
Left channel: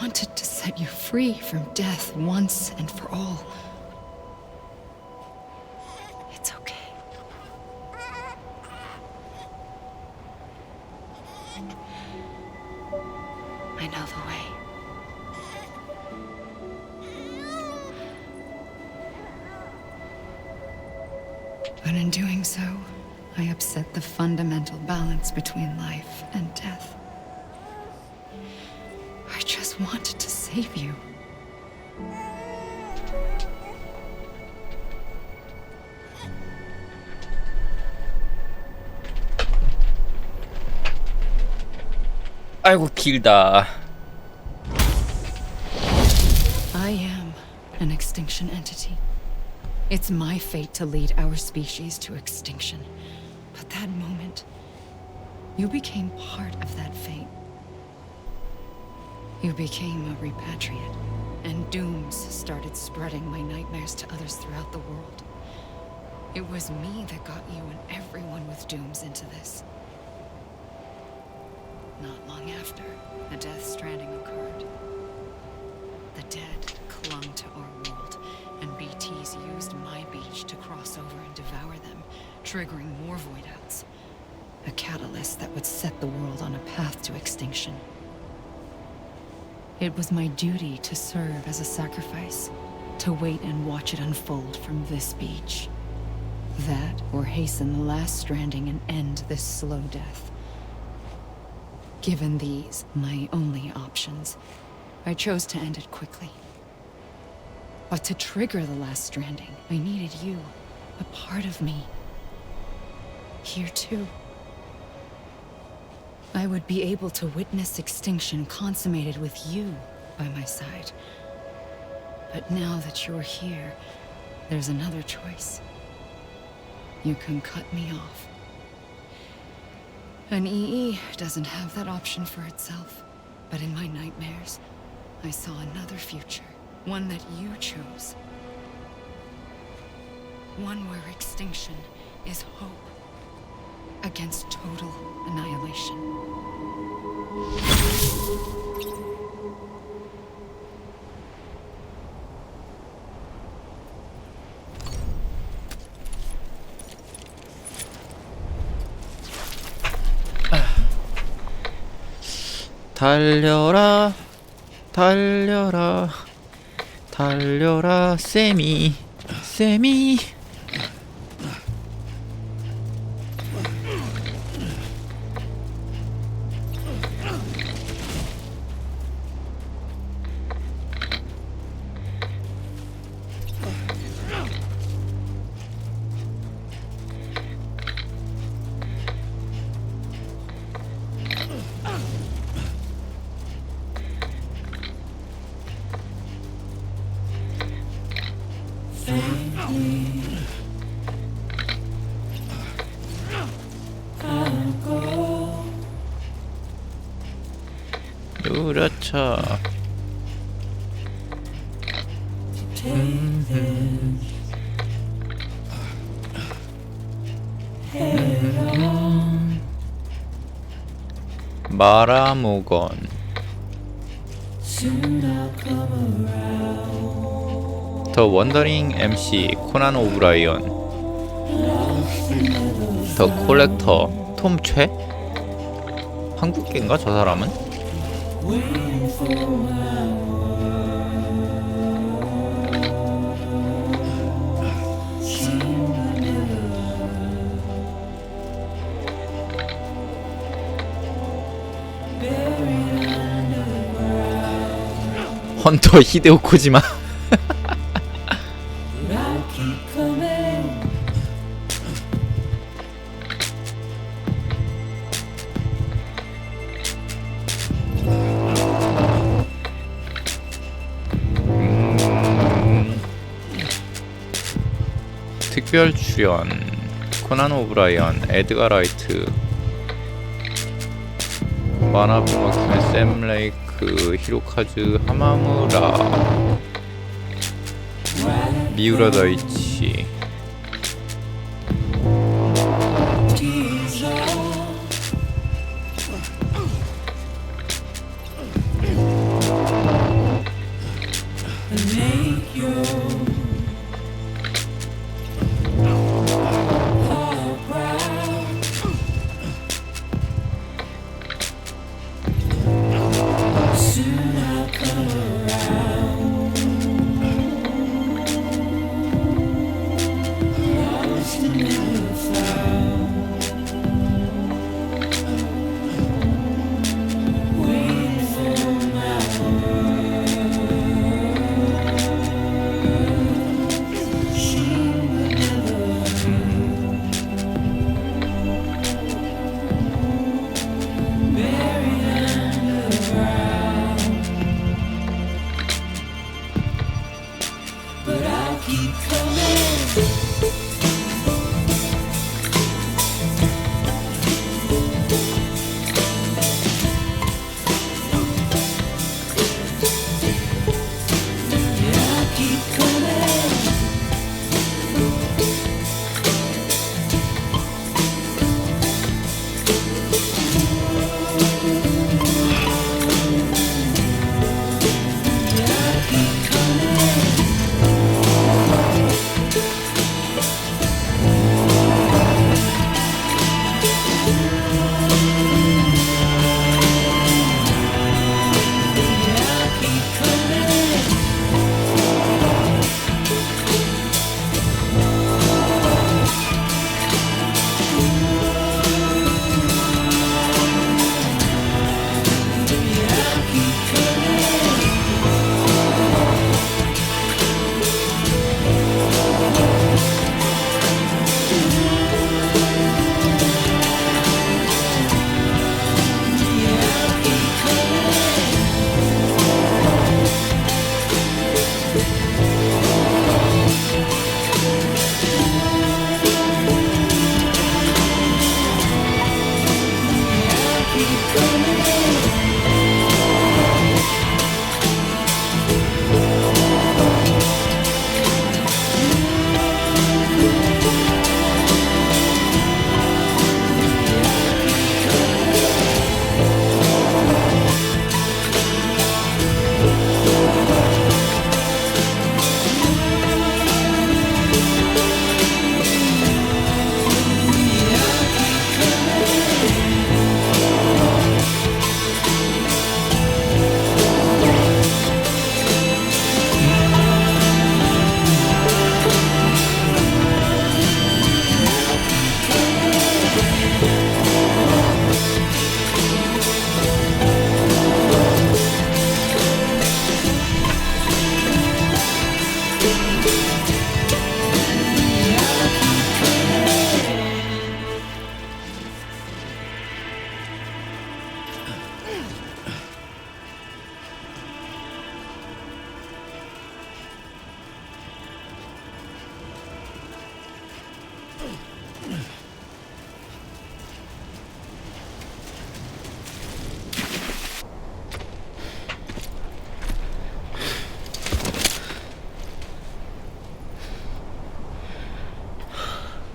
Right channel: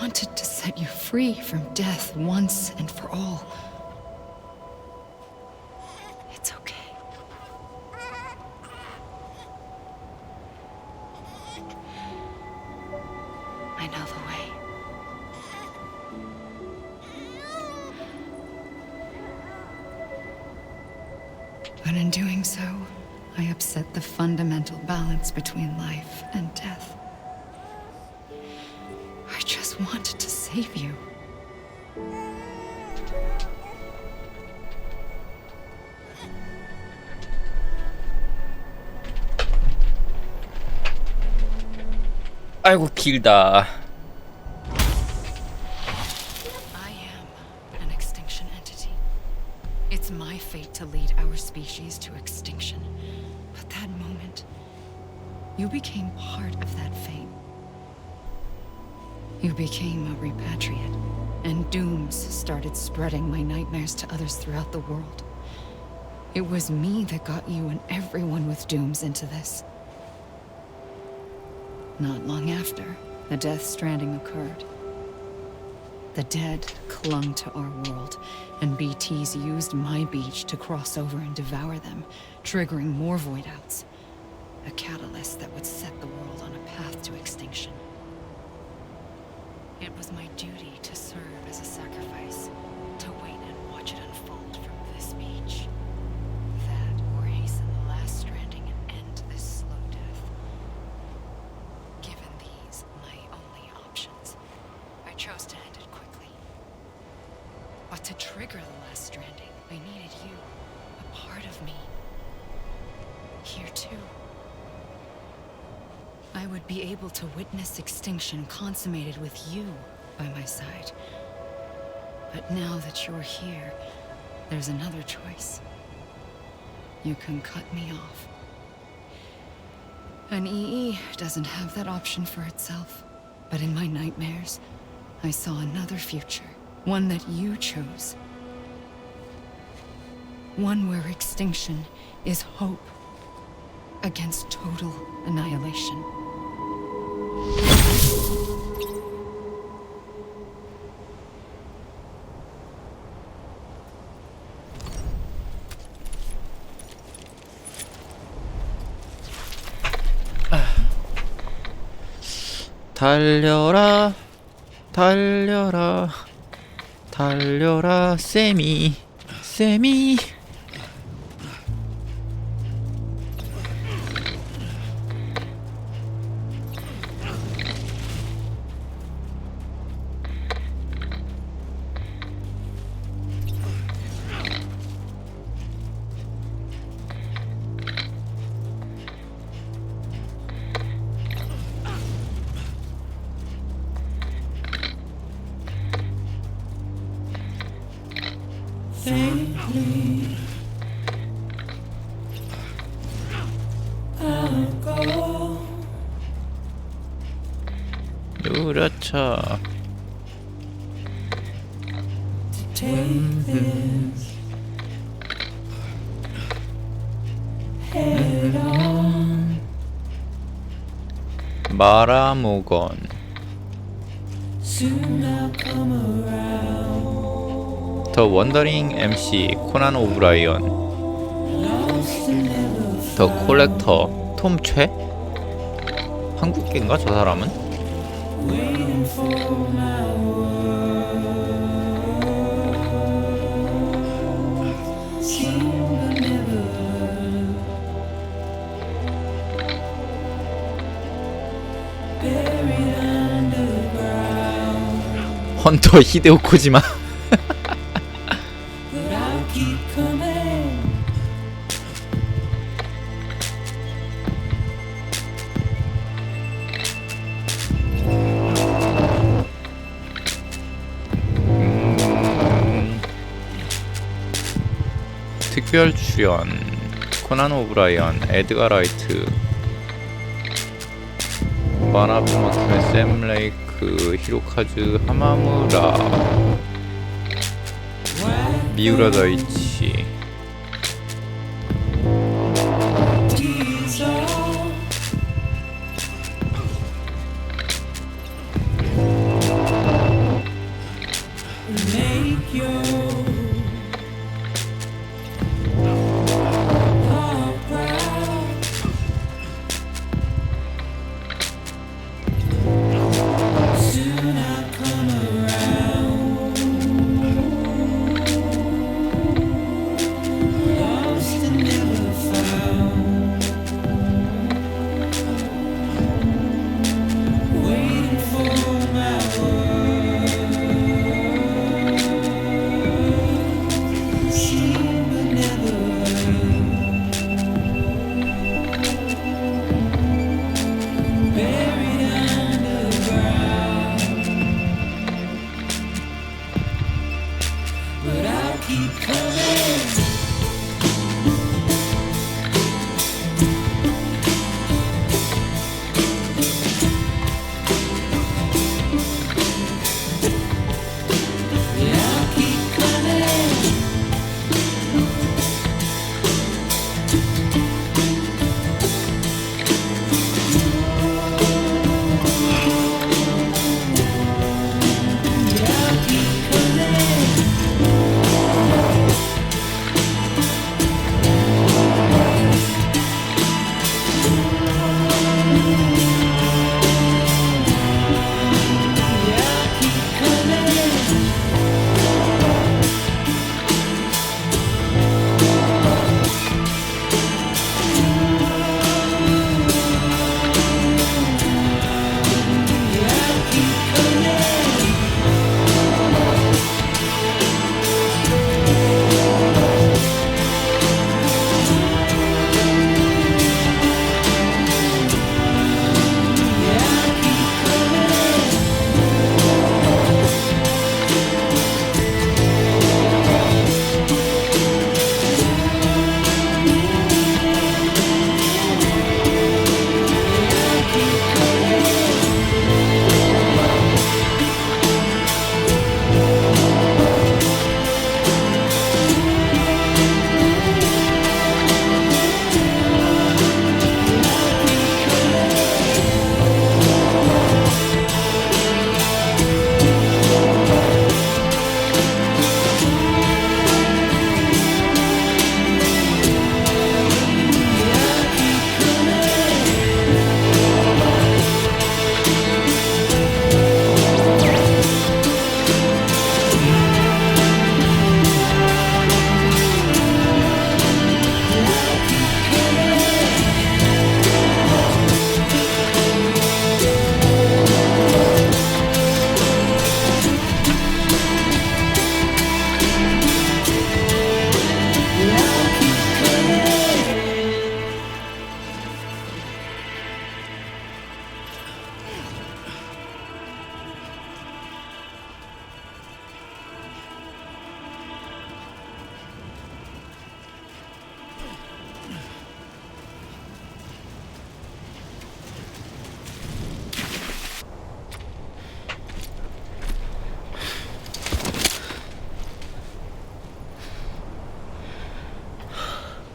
wanted to set you free from death once and for all. It's okay. I know the way. But in doing so, I upset the fundamental balance between life and death. I just wanted to save you. 아이고 길다. I am an extinction entity. It's my fate to lead our species to extinction. But that moment, you became part of that fate. You became a repatriate, and dooms started spreading my nightmares to others throughout the world. It was me that got you and everyone with dooms into this. Not long after, the Death Stranding occurred. The dead clung to our world, and BTs used my beach to cross over and devour them, triggering more void-outs. A catalyst that would set the world on a path to extinction. It was my duty to serve as a sacrifice, to wait and watch it unfold from this beach. That, or hasten the last stranding and end this slow death. Given these, my only options, I chose to end it quickly. But to trigger the last stranding, I needed you, a part of me. Here too. I would be able to witness extinction consummated with you by my side. But now that you're here, there's another choice. You can cut me off. An EE doesn't have that option for itself. But in my nightmares, I saw another future. One that you chose. One where extinction is hope against total annihilation. 달려라 달려라 달려라 세미 세미. 그렇죠. 말아먹은 더 원더링 MC 코난 오브라이언 더 콜렉터 톰 최? 한국인가 저 사람은? 헌터 히데오 코지마. 특별 출연 코난 오브라이언, 에드가 라이트, 마나부 마키메, 샘 레이크, 히로카즈 하마무라, 미우라 다이치.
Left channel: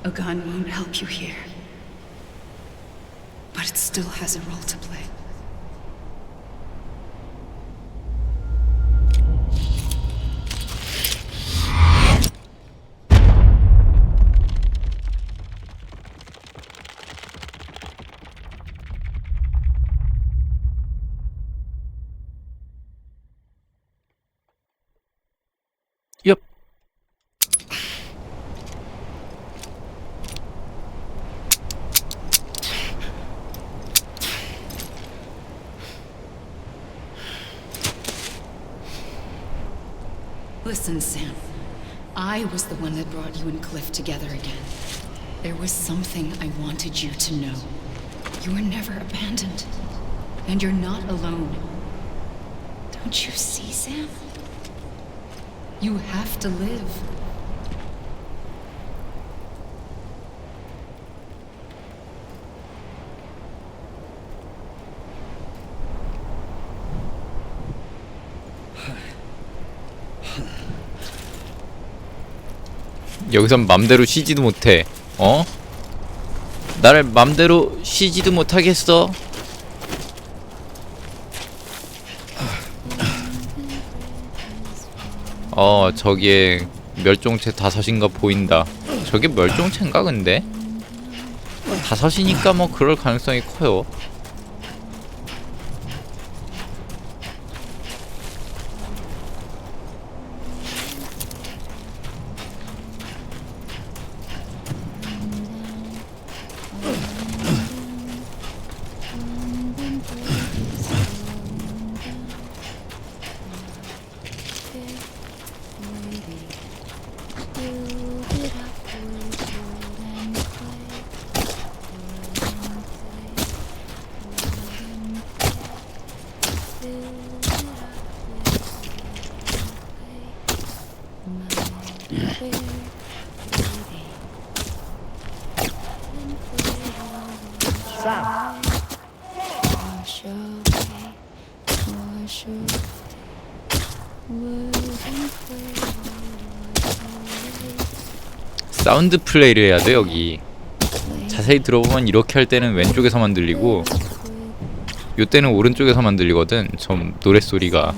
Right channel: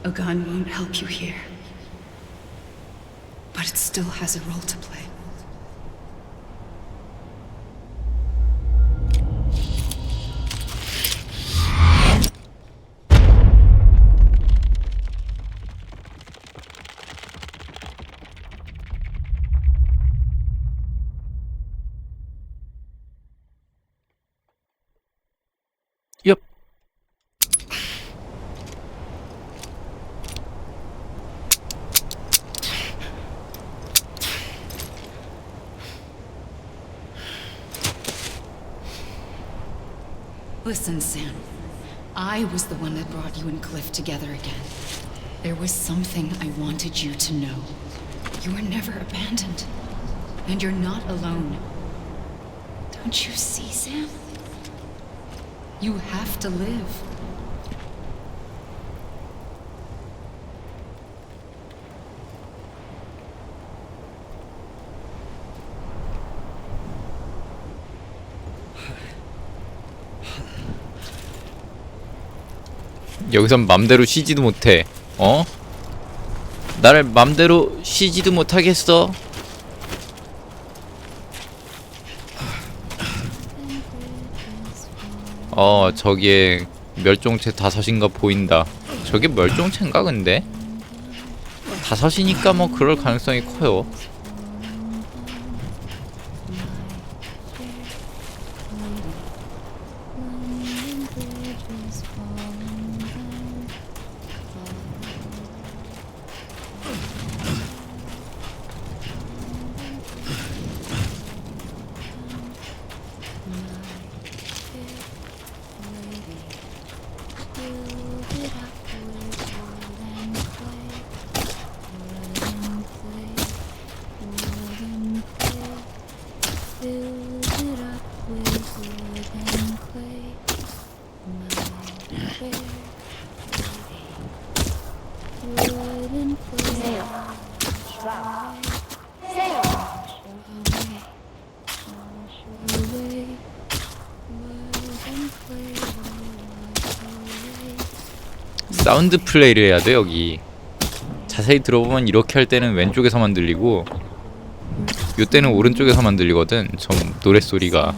A gun won't help you here. But it still has a role to play. Listen, Sam. I was the one that brought you and Cliff together again. There was something I wanted you to know. You were never abandoned. And you're not alone. Don't you see, Sam? You have to live. 여기선 맘대로 쉬지도 못해. 어? 나를 맘대로 쉬지도 못하겠어. 저기에 멸종체 5인가 보인다. 저게 멸종체인가 근데? 5이니까 뭐 그럴 가능성이 커요. 사운드 플레이를 해야 돼 여기. 자세히 들어보면 이렇게 할 때는 왼쪽에서만 들리고 요때는 오른쪽에서만 들리거든. 좀 노랫소리가.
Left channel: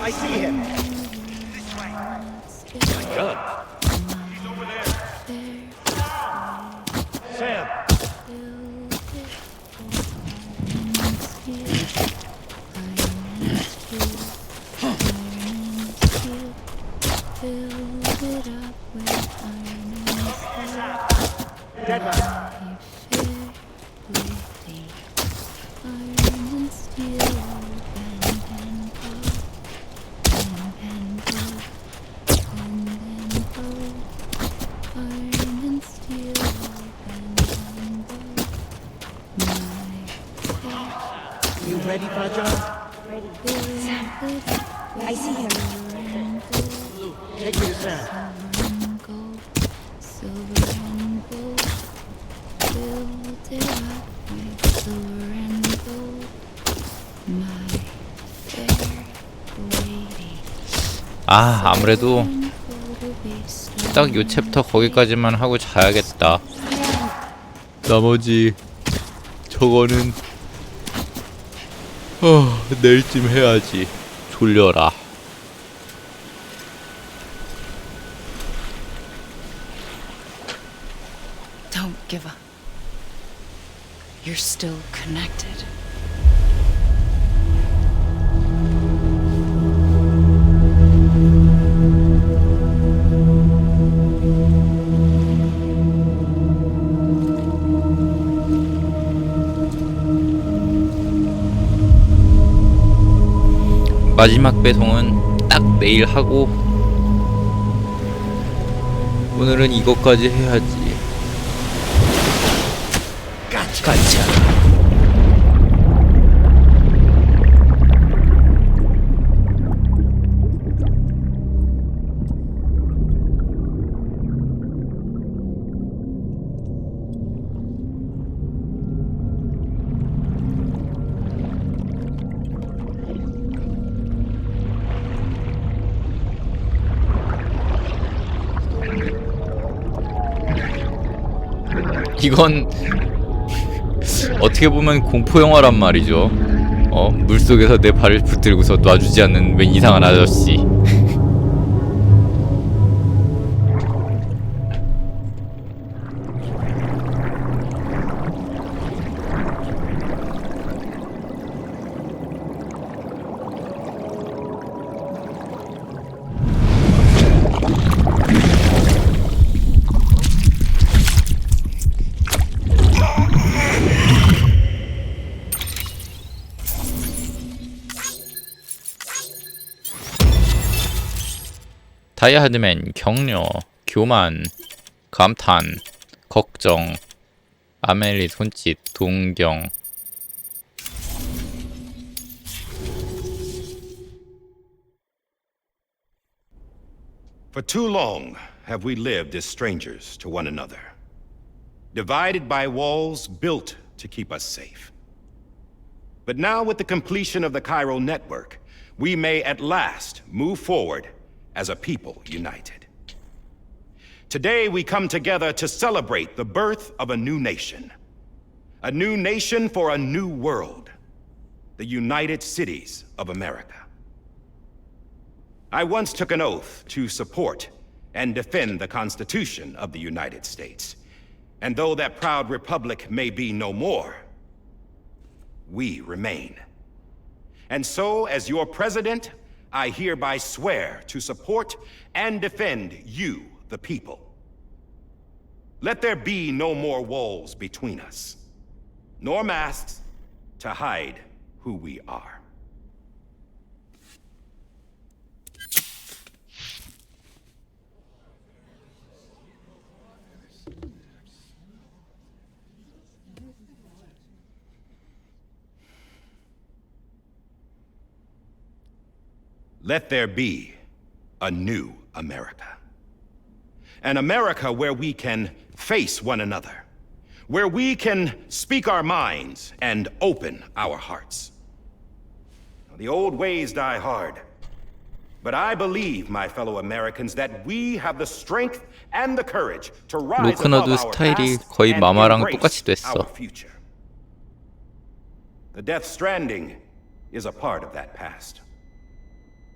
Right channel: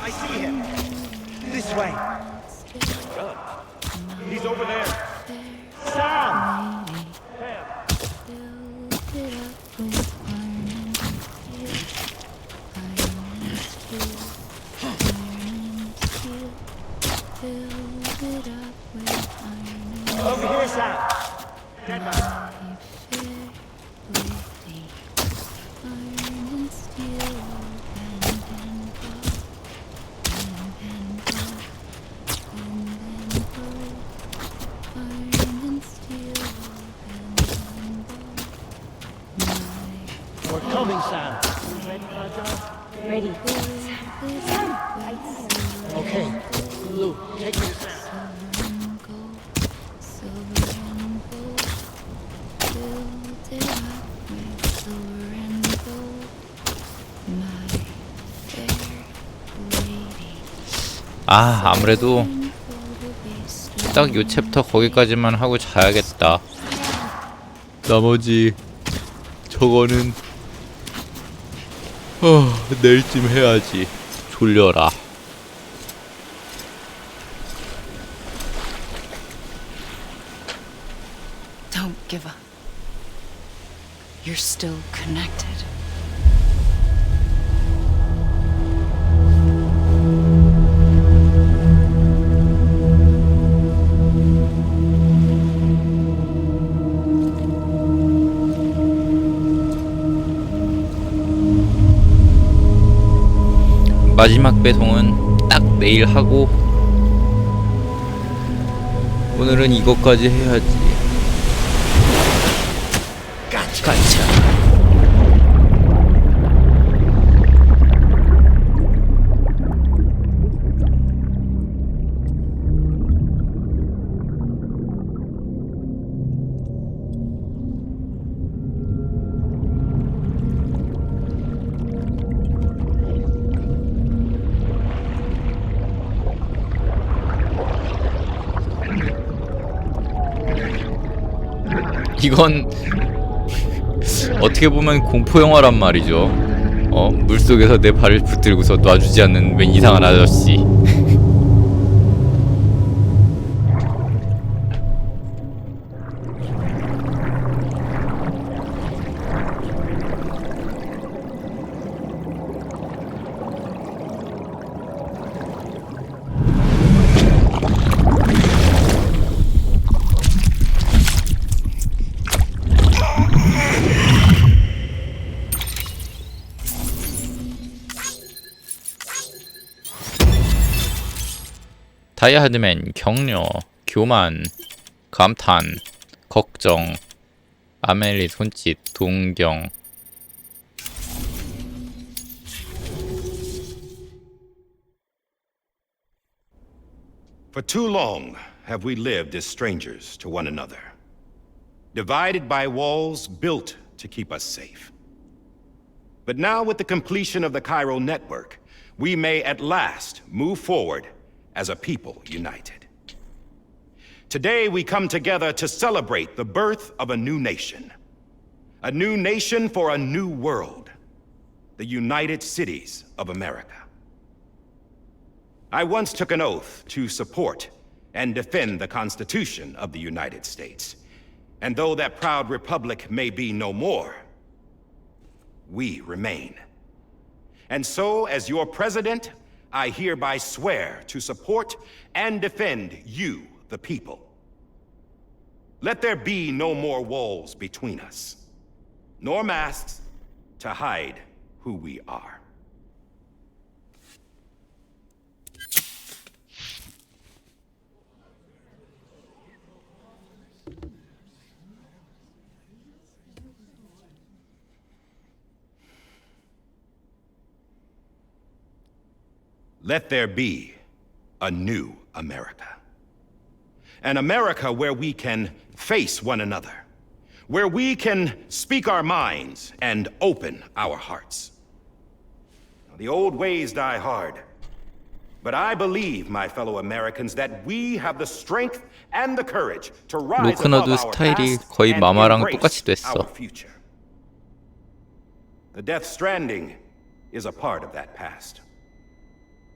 I see him. This way. He's over there. Sam! Sam! Over here, Sam. Dead man. We're coming, Sam. You ready, Fragile? Ready. Sam. I see him. Okay. Lou, take me to Sam. Silver and gold, build it up with silver and gold, my fair lady. 아무래도 딱 요 챕터 거기까지만 하고 자야겠다. 나머지 저거는 내일쯤 해야지. 졸려라. Don't give up. You're still connected. 마지막 배송은 딱 내일 하고 오늘은 이것까지 해야지. 가차. 이건 어떻게 보면 공포 영화란 말이죠. 물속에서 내 발을 붙들고서 놔주지 않는 웬 이상한 아저씨. 다이하드맨, 격려, 교만, 감탄, 걱정, 아멜리 손짓, 동경. For too long have we lived as strangers to one another, divided by walls built to keep us safe. But now, with the completion of the chiral network, we may at last move forward as a people united. Today, we come together to celebrate the birth of a new nation for a new world, the United Cities of America. I once took an oath to support and defend the Constitution of the United States. And though that proud republic may be no more, we remain. And so, as your president, I hereby swear to support and defend you, the people. Let there be no more walls between us, nor masks to hide who we are. Let there be a new America. An America where we can face one another, where we can speak our minds and open our hearts. The old ways die hard, but I believe, my fellow Americans, that we have the strength and the courage to rise above 로크너도 our 스타일이 past 거의 and 마마랑 embrace 똑같이 됐어. our future. The Death Stranding is a part of that past.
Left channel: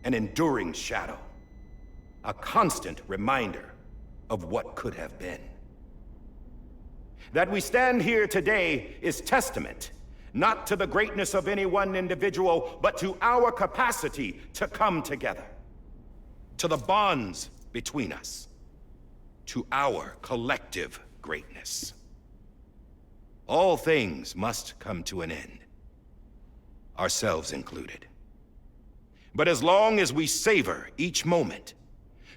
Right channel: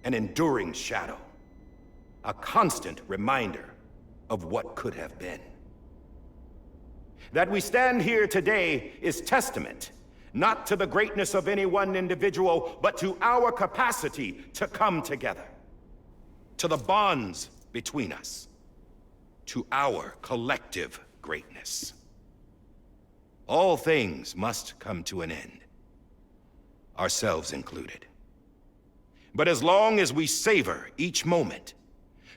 An enduring shadow, a constant reminder of what could have been. That we stand here today is testament, not to the greatness of any one individual, but to our capacity to come together, to the bonds between us, to our collective greatness. All things must come to an end, ourselves included. But as long as we savor each moment,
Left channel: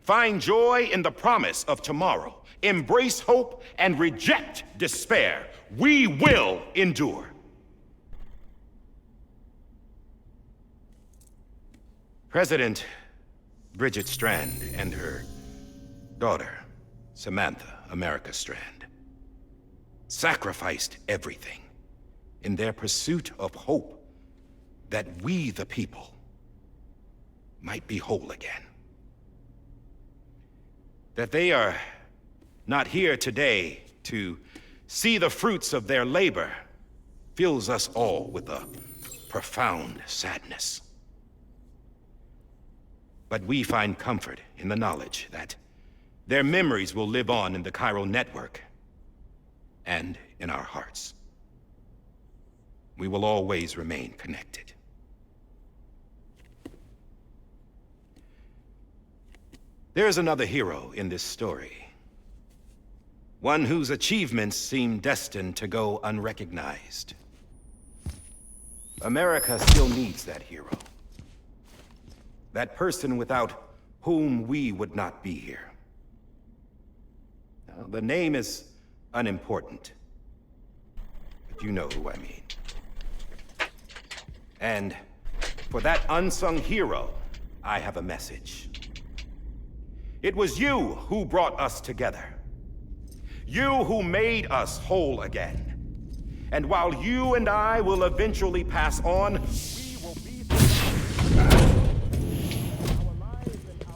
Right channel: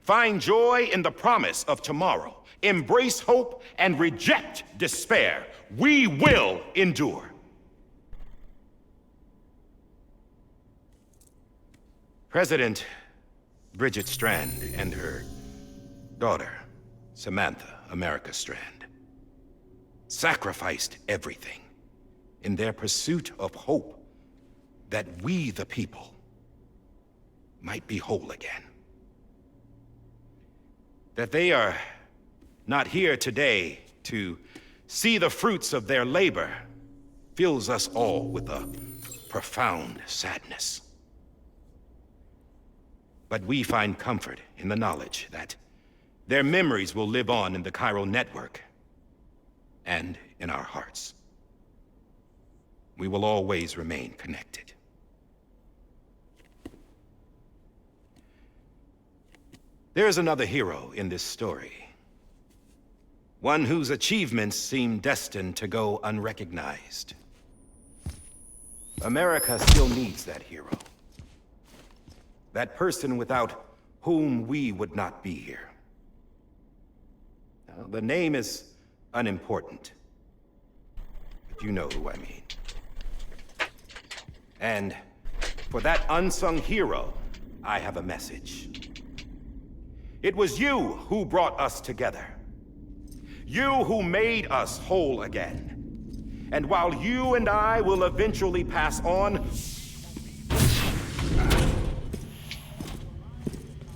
find joy in the promise of tomorrow, embrace hope, and reject despair, we will endure. President Bridget Strand and her daughter, Samantha America Strand, sacrificed everything in their pursuit of hope that we, the people, might be whole again. That they are not here today to see the fruits of their labor fills us all with a profound sadness. But we find comfort in the knowledge that their memories will live on in the chiral network and in our hearts. We will always remain connected. There is another hero in this story. One whose achievements seem destined to go unrecognized. America still needs that hero. That person without whom we would not be here. Now, the name is unimportant, but you know who I mean. And for that unsung hero, I have a message. It was you who brought us together. You who made us whole again. And while you and I will eventually pass on, we will be...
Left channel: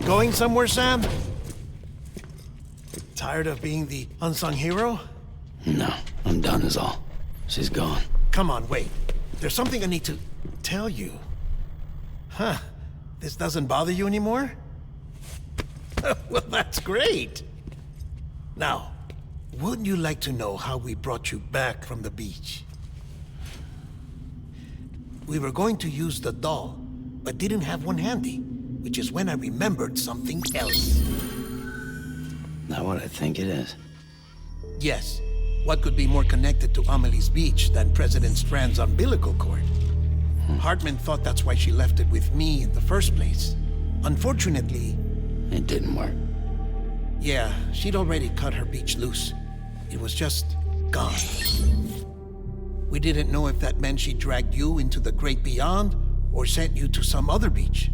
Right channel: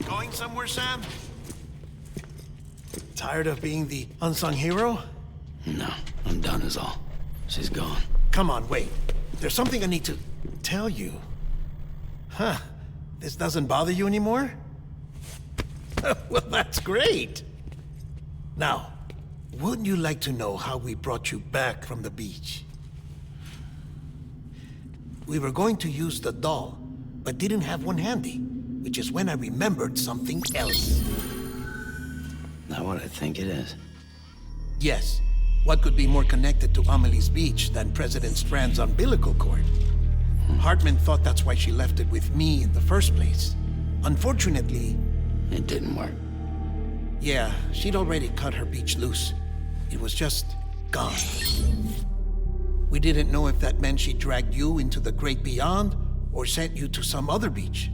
Going somewhere, Sam? Tired of being the unsung hero? No, I'm done is all. She's gone. Come on, wait. There's something I need to tell you. Huh. This doesn't bother you anymore? Well, that's great. Now, wouldn't you like to know how we brought you back from the beach? We were going to use the doll, but didn't have one handy, which is when I remembered something else. Not what I think it is. Yes. What could be more connected to Amelie's beach than President Strand's umbilical cord? Hartman thought that's why she left it with me in the first place. Unfortunately, It didn't work. Yeah, she'd already cut her beach loose. It was just gone. We didn't know if that meant she dragged you into the great beyond or sent you to some other beach.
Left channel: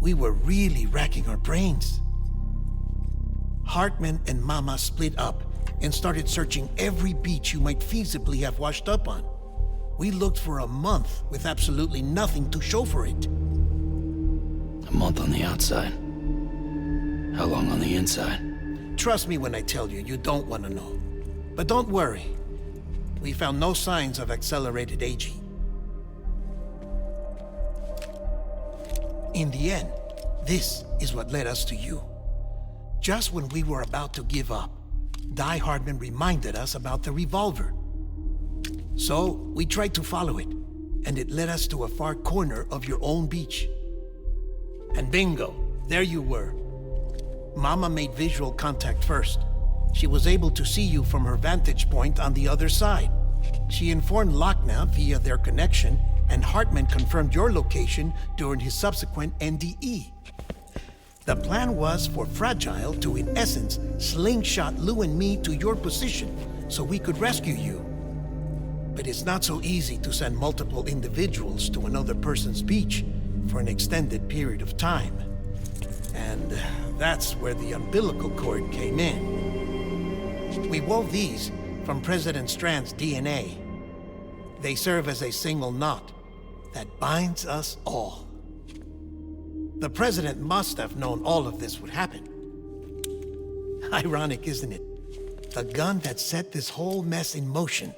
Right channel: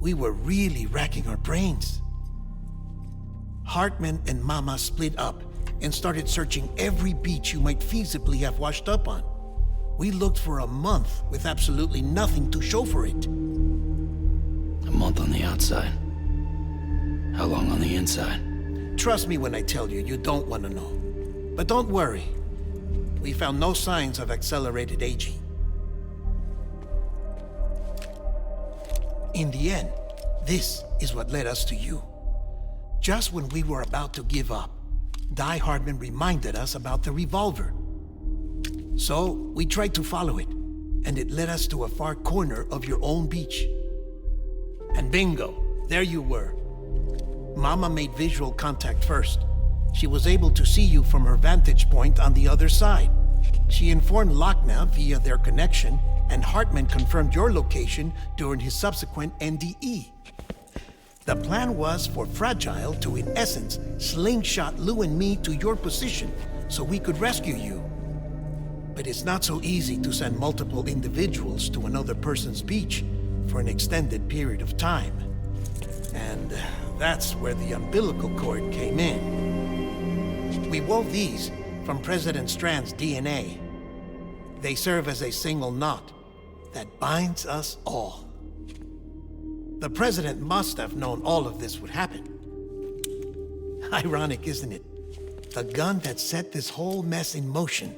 We were really racking our brains. Hartman and Mama split up and started searching every beach you might feasibly have washed up on. We looked for a month with absolutely nothing to show for it. A month on the outside. How long on the inside? Trust me when I tell you, you don't want to know. But don't worry. We found no signs of accelerated aging. In the end, this is what led us to you. Just when we were about to give up, Die Hardman reminded us about the revolver. So we tried to follow it, and it led us to a far corner of your own beach. And bingo, there you were. Mama made visual contact first. She was able to see you from her vantage point on the other side. She informed Lochna via their connection, and Hartman confirmed your location during his subsequent NDE. The plan was for Fragile to, in essence, slingshot Lou and me to your position so we could rescue you. But it's not so easy to send multiple individuals to another person's beach for an extended period of time. And that's where the umbilical cord came in. We wove these from President Strand's DNA. They serve as a single knot that binds us all. The President must have known all of this would happen. Ironic, isn't it? The gun that set this whole mess in motion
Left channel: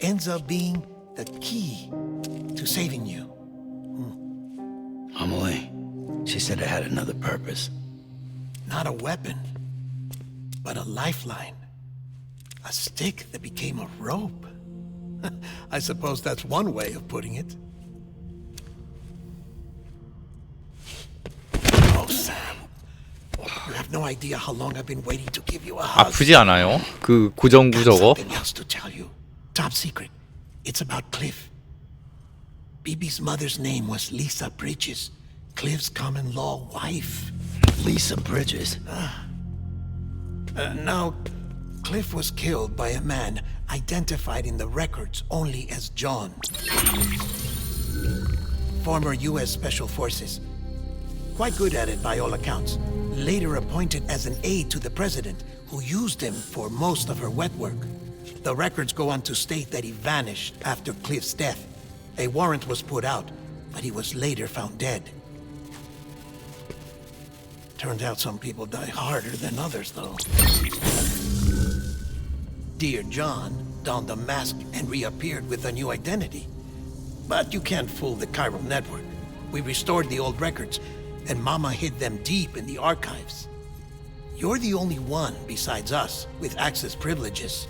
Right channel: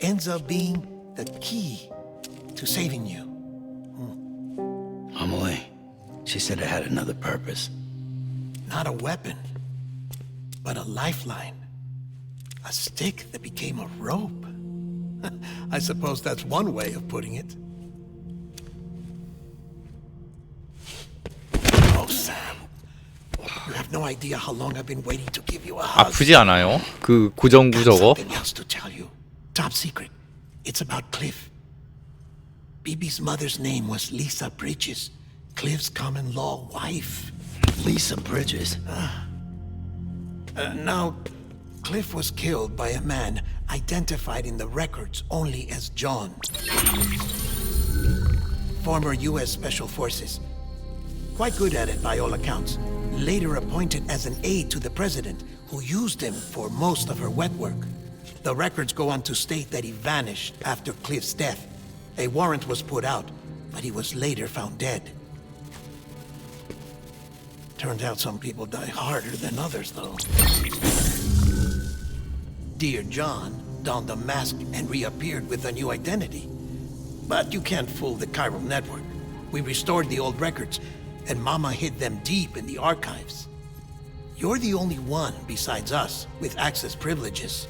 ends up being the key to saving you. Amelie, she said it had another purpose. Not a weapon, but a lifeline. A stick that became a rope. I suppose that's one way of putting it. Oh, Sam. You have no idea how long I've been waiting to give you a hug. 아프지 않아요? 그 고정구 Got 저거? something else to tell you. Top secret. It's about Cliff. BB's mother's name was Lisa Bridges, Cliff's common-law wife. Lisa Bridges. Now, Cliff was killed by a man identified in the records only as John. Former U.S. Special Forces. Quite good at it by all accounts. Later appointed as an aide to the president, who used him for most of her wet work. The records go on to state that he vanished after Cliff's death. A warrant was put out, but he was later found dead. Turned out some people die harder than others, though. Dear John donned a mask and reappeared with a new identity. But you can't fool the chiral network. We restored the old records, and Mama hid them deep in the archives. You're the only one besides us with access privileges.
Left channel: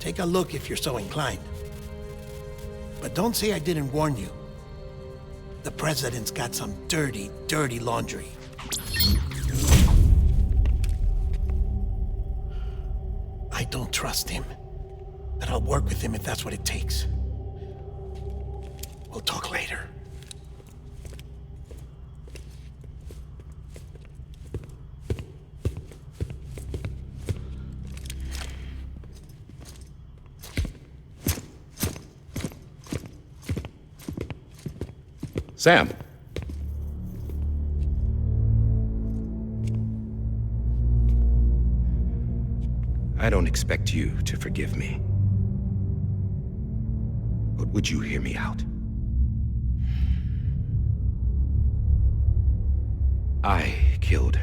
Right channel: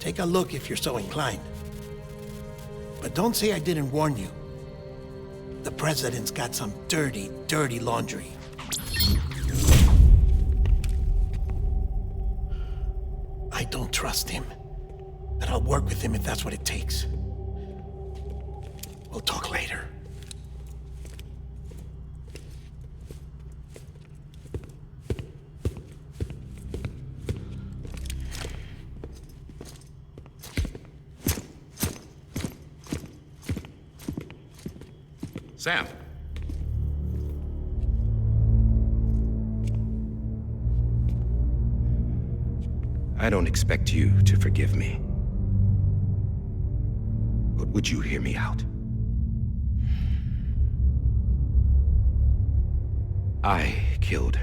Take a look if you're so inclined. But don't say I didn't warn you. The president's got some dirty, dirty laundry. I don't trust him, but I'll work with him if that's what it takes. We'll talk later. Sam. I don't expect you to forgive me. But would you hear me out? I killed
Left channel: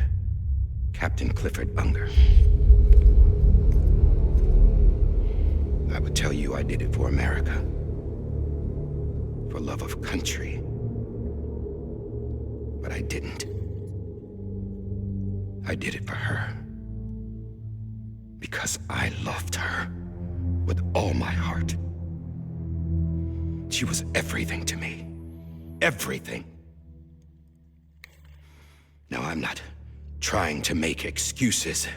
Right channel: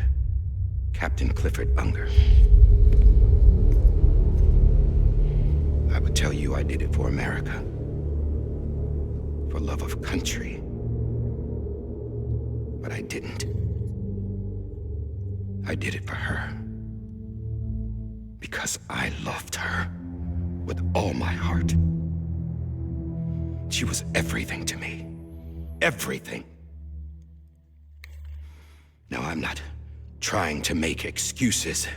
Captain Clifford Unger. I would tell you I did it for America. For love of country. But I didn't. I did it for her. Because I loved her with all my heart. She was everything to me. Everything. Now, I'm not trying to make excuses.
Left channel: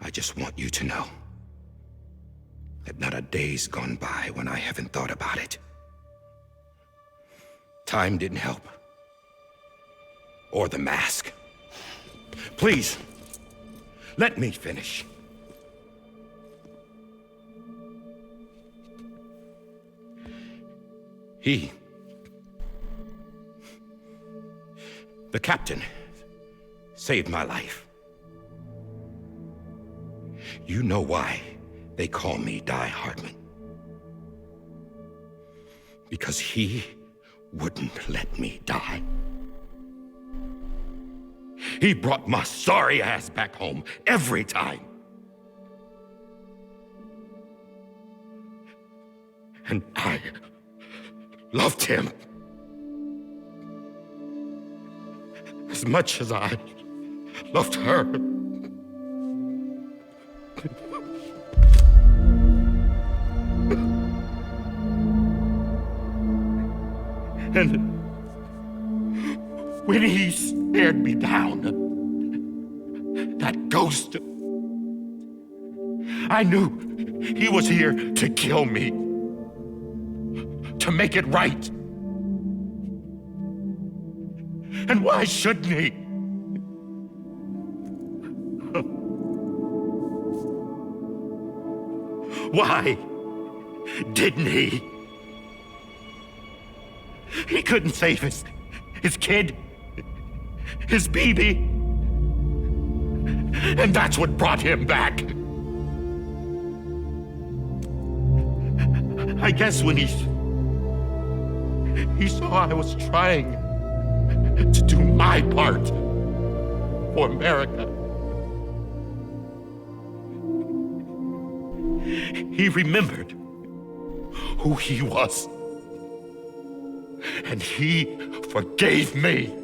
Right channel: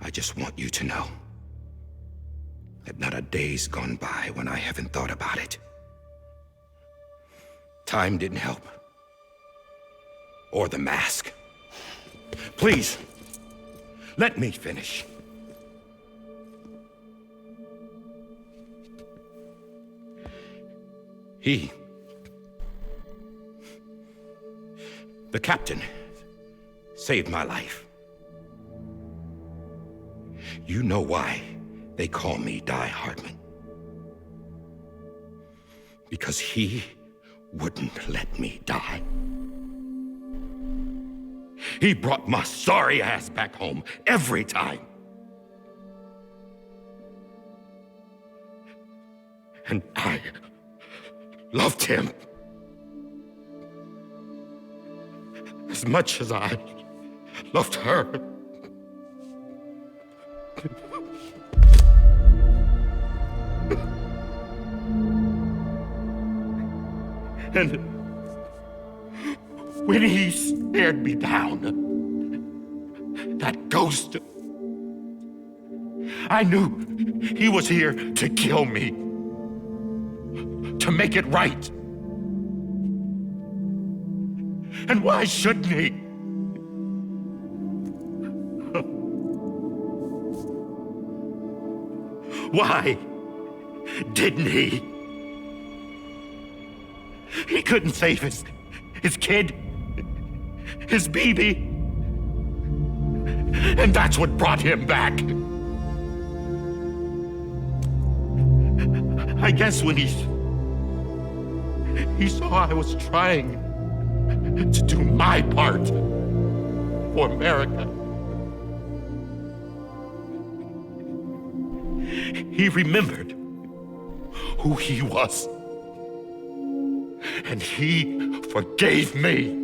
I just want you to know that not a day's gone by when I haven't thought about it. Time didn't help. or the mask. Please, let me finish. The captain, saved my life. You know why they call me Die Hardman. Because he wouldn't let me die. He brought my sorry ass back home every time. And I loved him as much as I loved her. And when he stared me down, that ghost, I knew he was here to kill me, to make it right. And why shouldn't he? Why didn't he? He couldn't save his kid, his baby. And that's what brought him back. I guess when he saw I was trying to do my part for America, he remembered who he was. And he forgave me.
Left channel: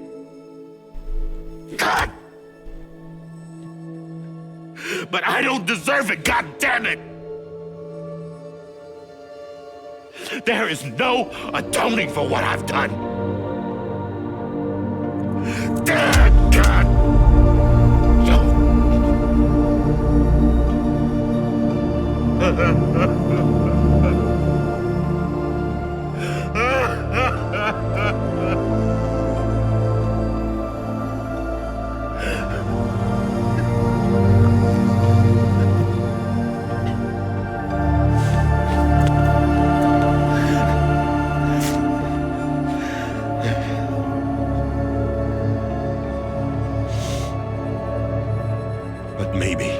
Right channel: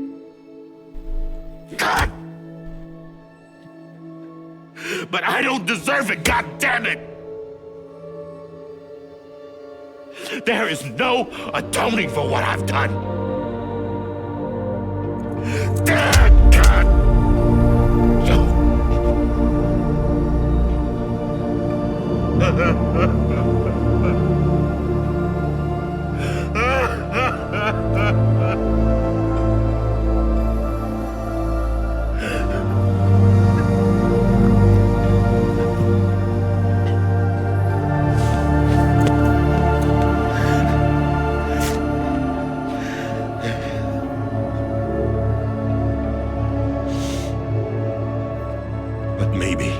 God! But I don't deserve it, God damn it! There is no atoning for what I've done. God! But maybe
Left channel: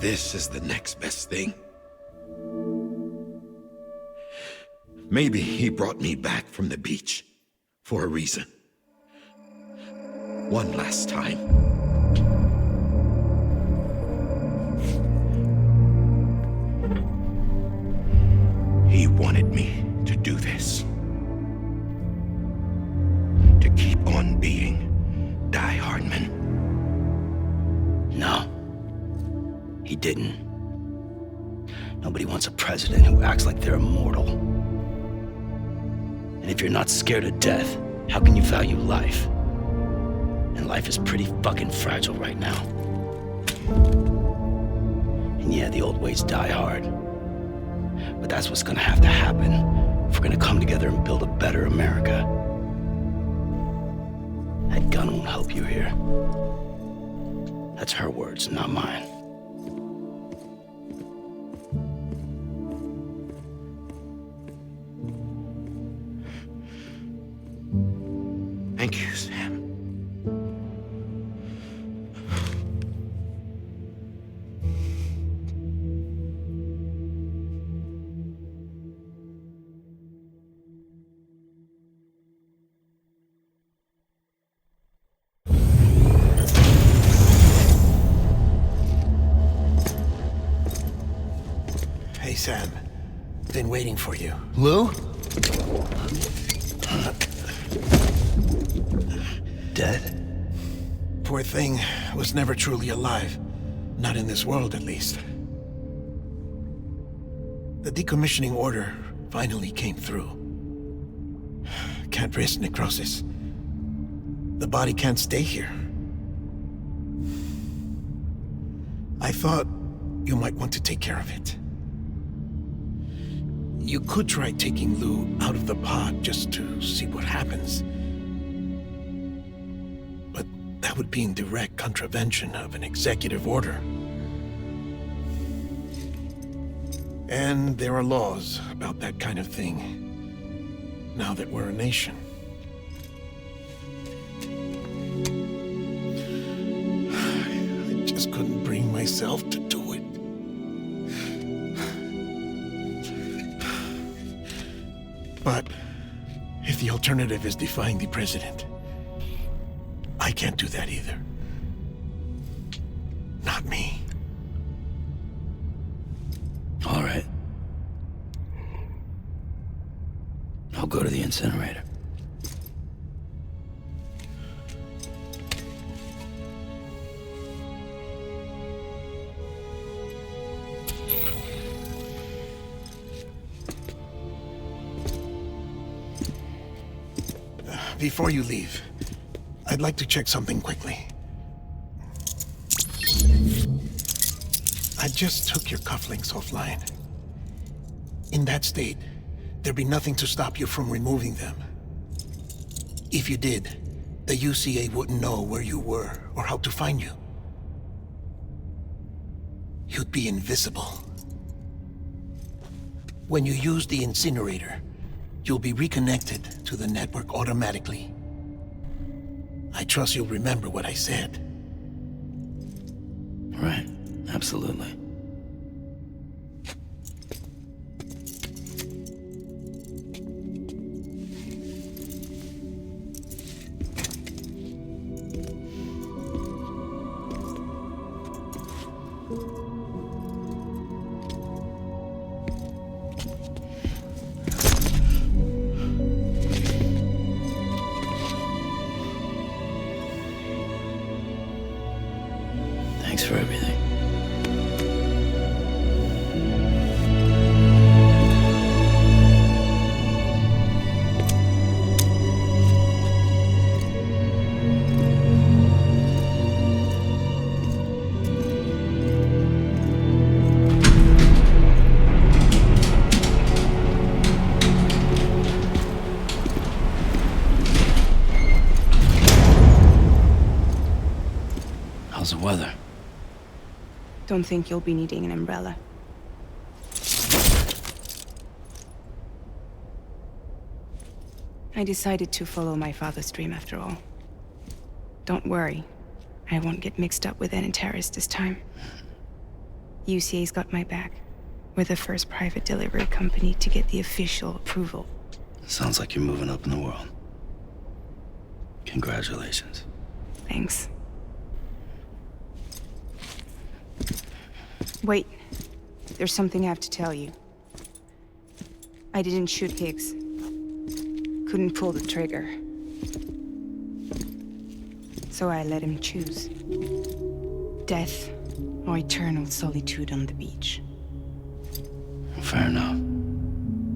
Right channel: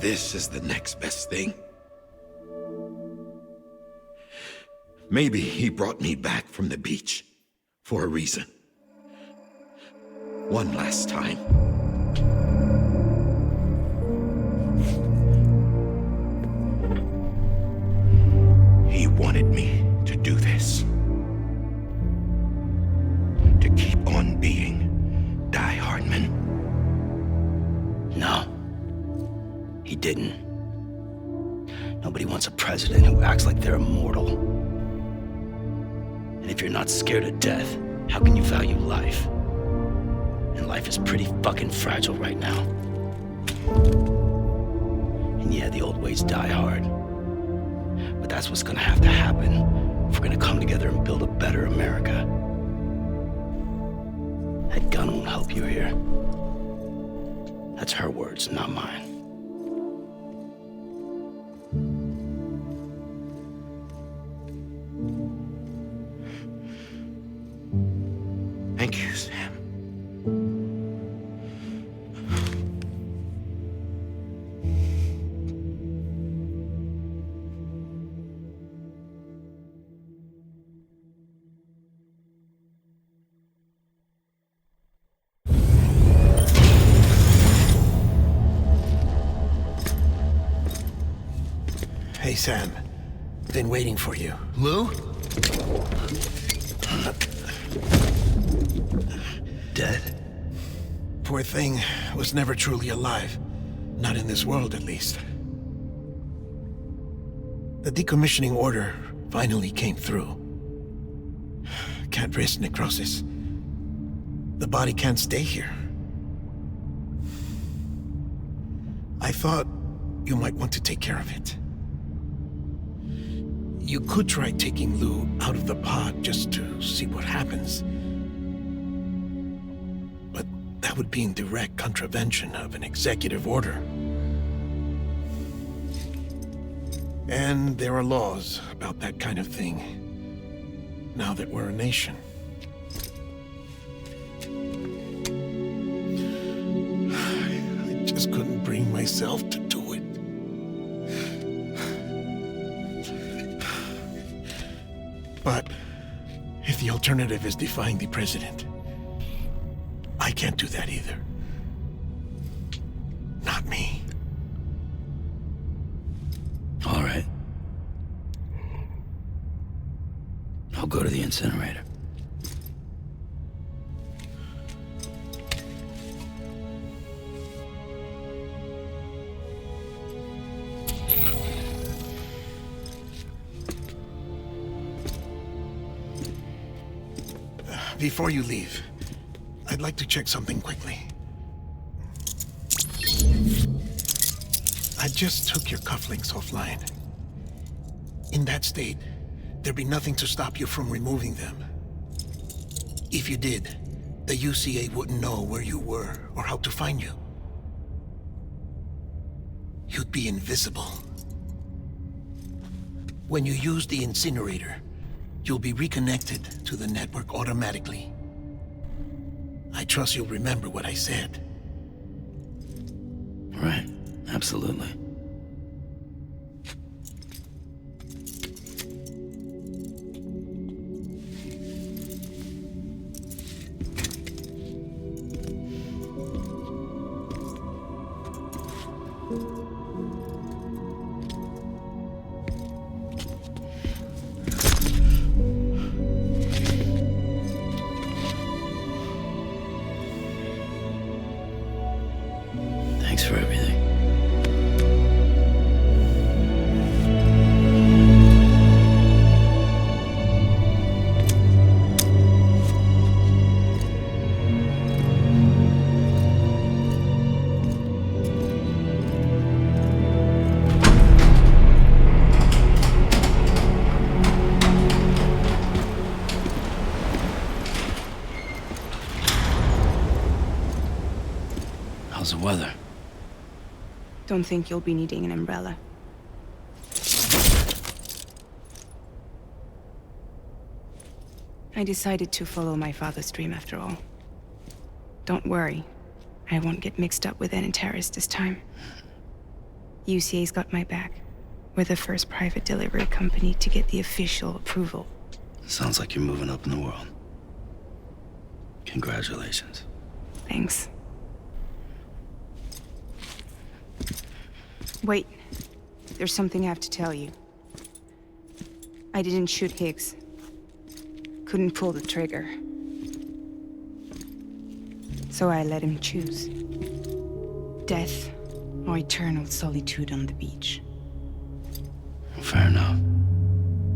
this is the next best thing. Maybe he brought me back from the beach for a reason. One last time. He wanted me to do this. To keep on being Die Hardman. No, he didn't. Nobody wants a president who acts like they're immortal. And if you're not scared of death, how can you value life? And life is pretty fucking fragile right now. And yeah, the old ways die hard. But that's what's gonna have to happen if we're gonna come together and build a better America. That gun won't help you here. That's her words, not mine. Thank you, Sam. Hey, Sam. Been waiting for you. Lou? Dead? Poor thing was never truly alive. Not in this world, at least. The decommissioning order finally came through. Can't risk necrosis. The body can't stay here. I thought you might want to take care of it. You could try taking Lou out of the pod just to see what happens. But that would be in direct contravention of an executive order. And there are laws about that kind of thing, now that we're a nation. I just couldn't bring myself to do it. But if the alternative is defying the president, I can't do that either. Not me. All right. I'll go to the incinerator. Before you leave, I'd like to check something quickly. I just took your cufflinks offline. In that state, there'd be nothing to stop you from removing them. If you did, the UCA wouldn't know where you were or how to find you. You'd be invisible. When you use the incinerator, you'll be reconnected to the network automatically. I trust you'll remember what I said. Right. Absolutely. Thanks for everything. How's the weather? Don't think you'll be needing an umbrella. I decided to follow my father's dream after all. Don't worry. I won't get mixed up with any terrorists this time. UCA's got my back. We're the first private delivery company to get the official approval. Sounds like you're moving up in the world. Congratulations. Thanks. Wait. There's something I have to tell you. I didn't shoot Higgs. Couldn't pull the trigger. So I let him choose. Death or eternal solitude on the beach. Fair enough.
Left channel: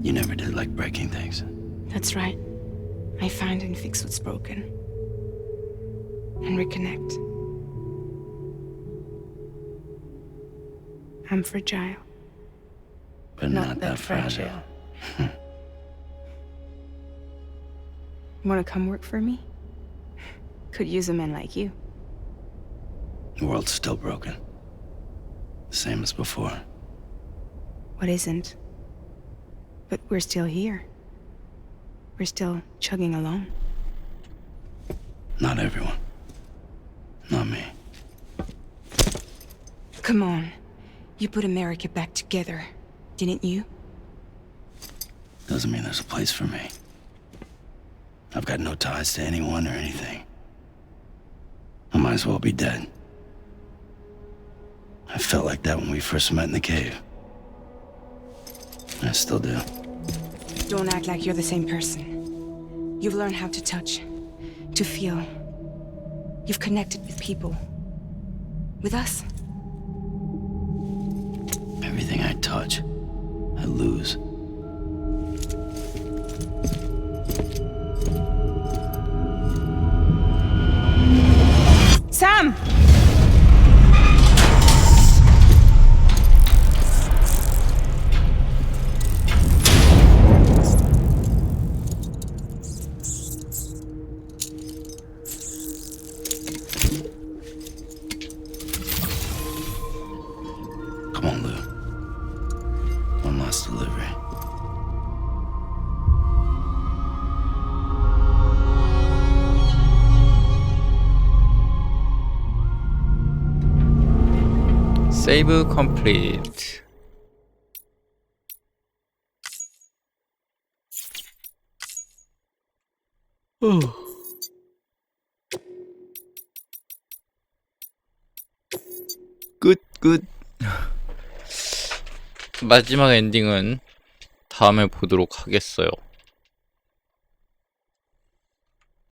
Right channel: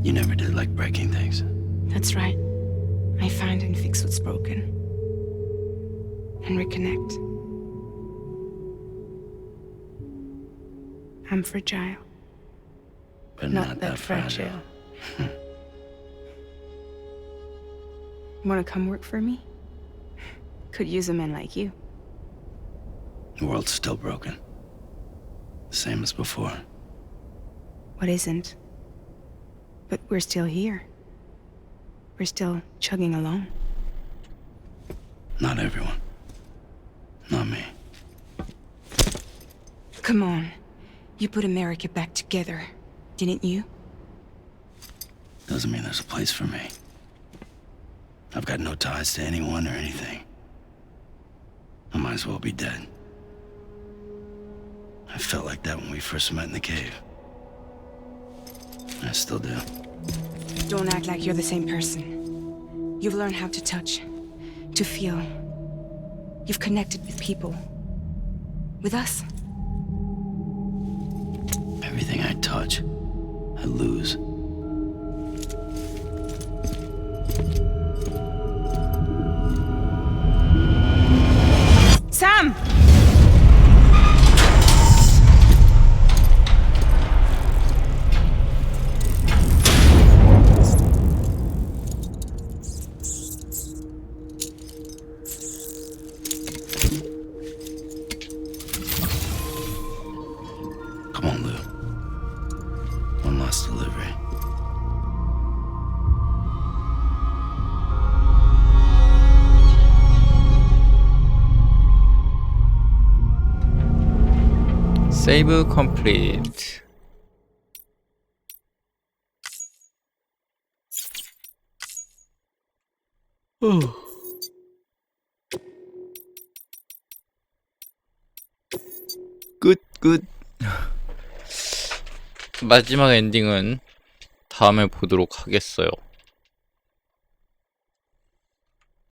You never did like breaking things. That's right. I find and fix what's broken. And reconnect. I'm fragile. But not that fragile. Want to come work for me? Could use a man like you. The world's still broken. The same as before. What isn't? But we're still here. We're still chugging along. Not everyone. Not me. Come on. You put America back together, didn't you? Doesn't mean there's a place for me. I've got no ties to anyone or anything. I might as well be dead. I felt like that when we first met in the cave. I still do. Don't act like you're the same person. You've learned how to touch, to feel. You've connected with people. With us. Everything I touch, I lose. Sam! 세이브 컴플리트. 끝. 마지막 엔딩은 다음에 보도록 하겠어요.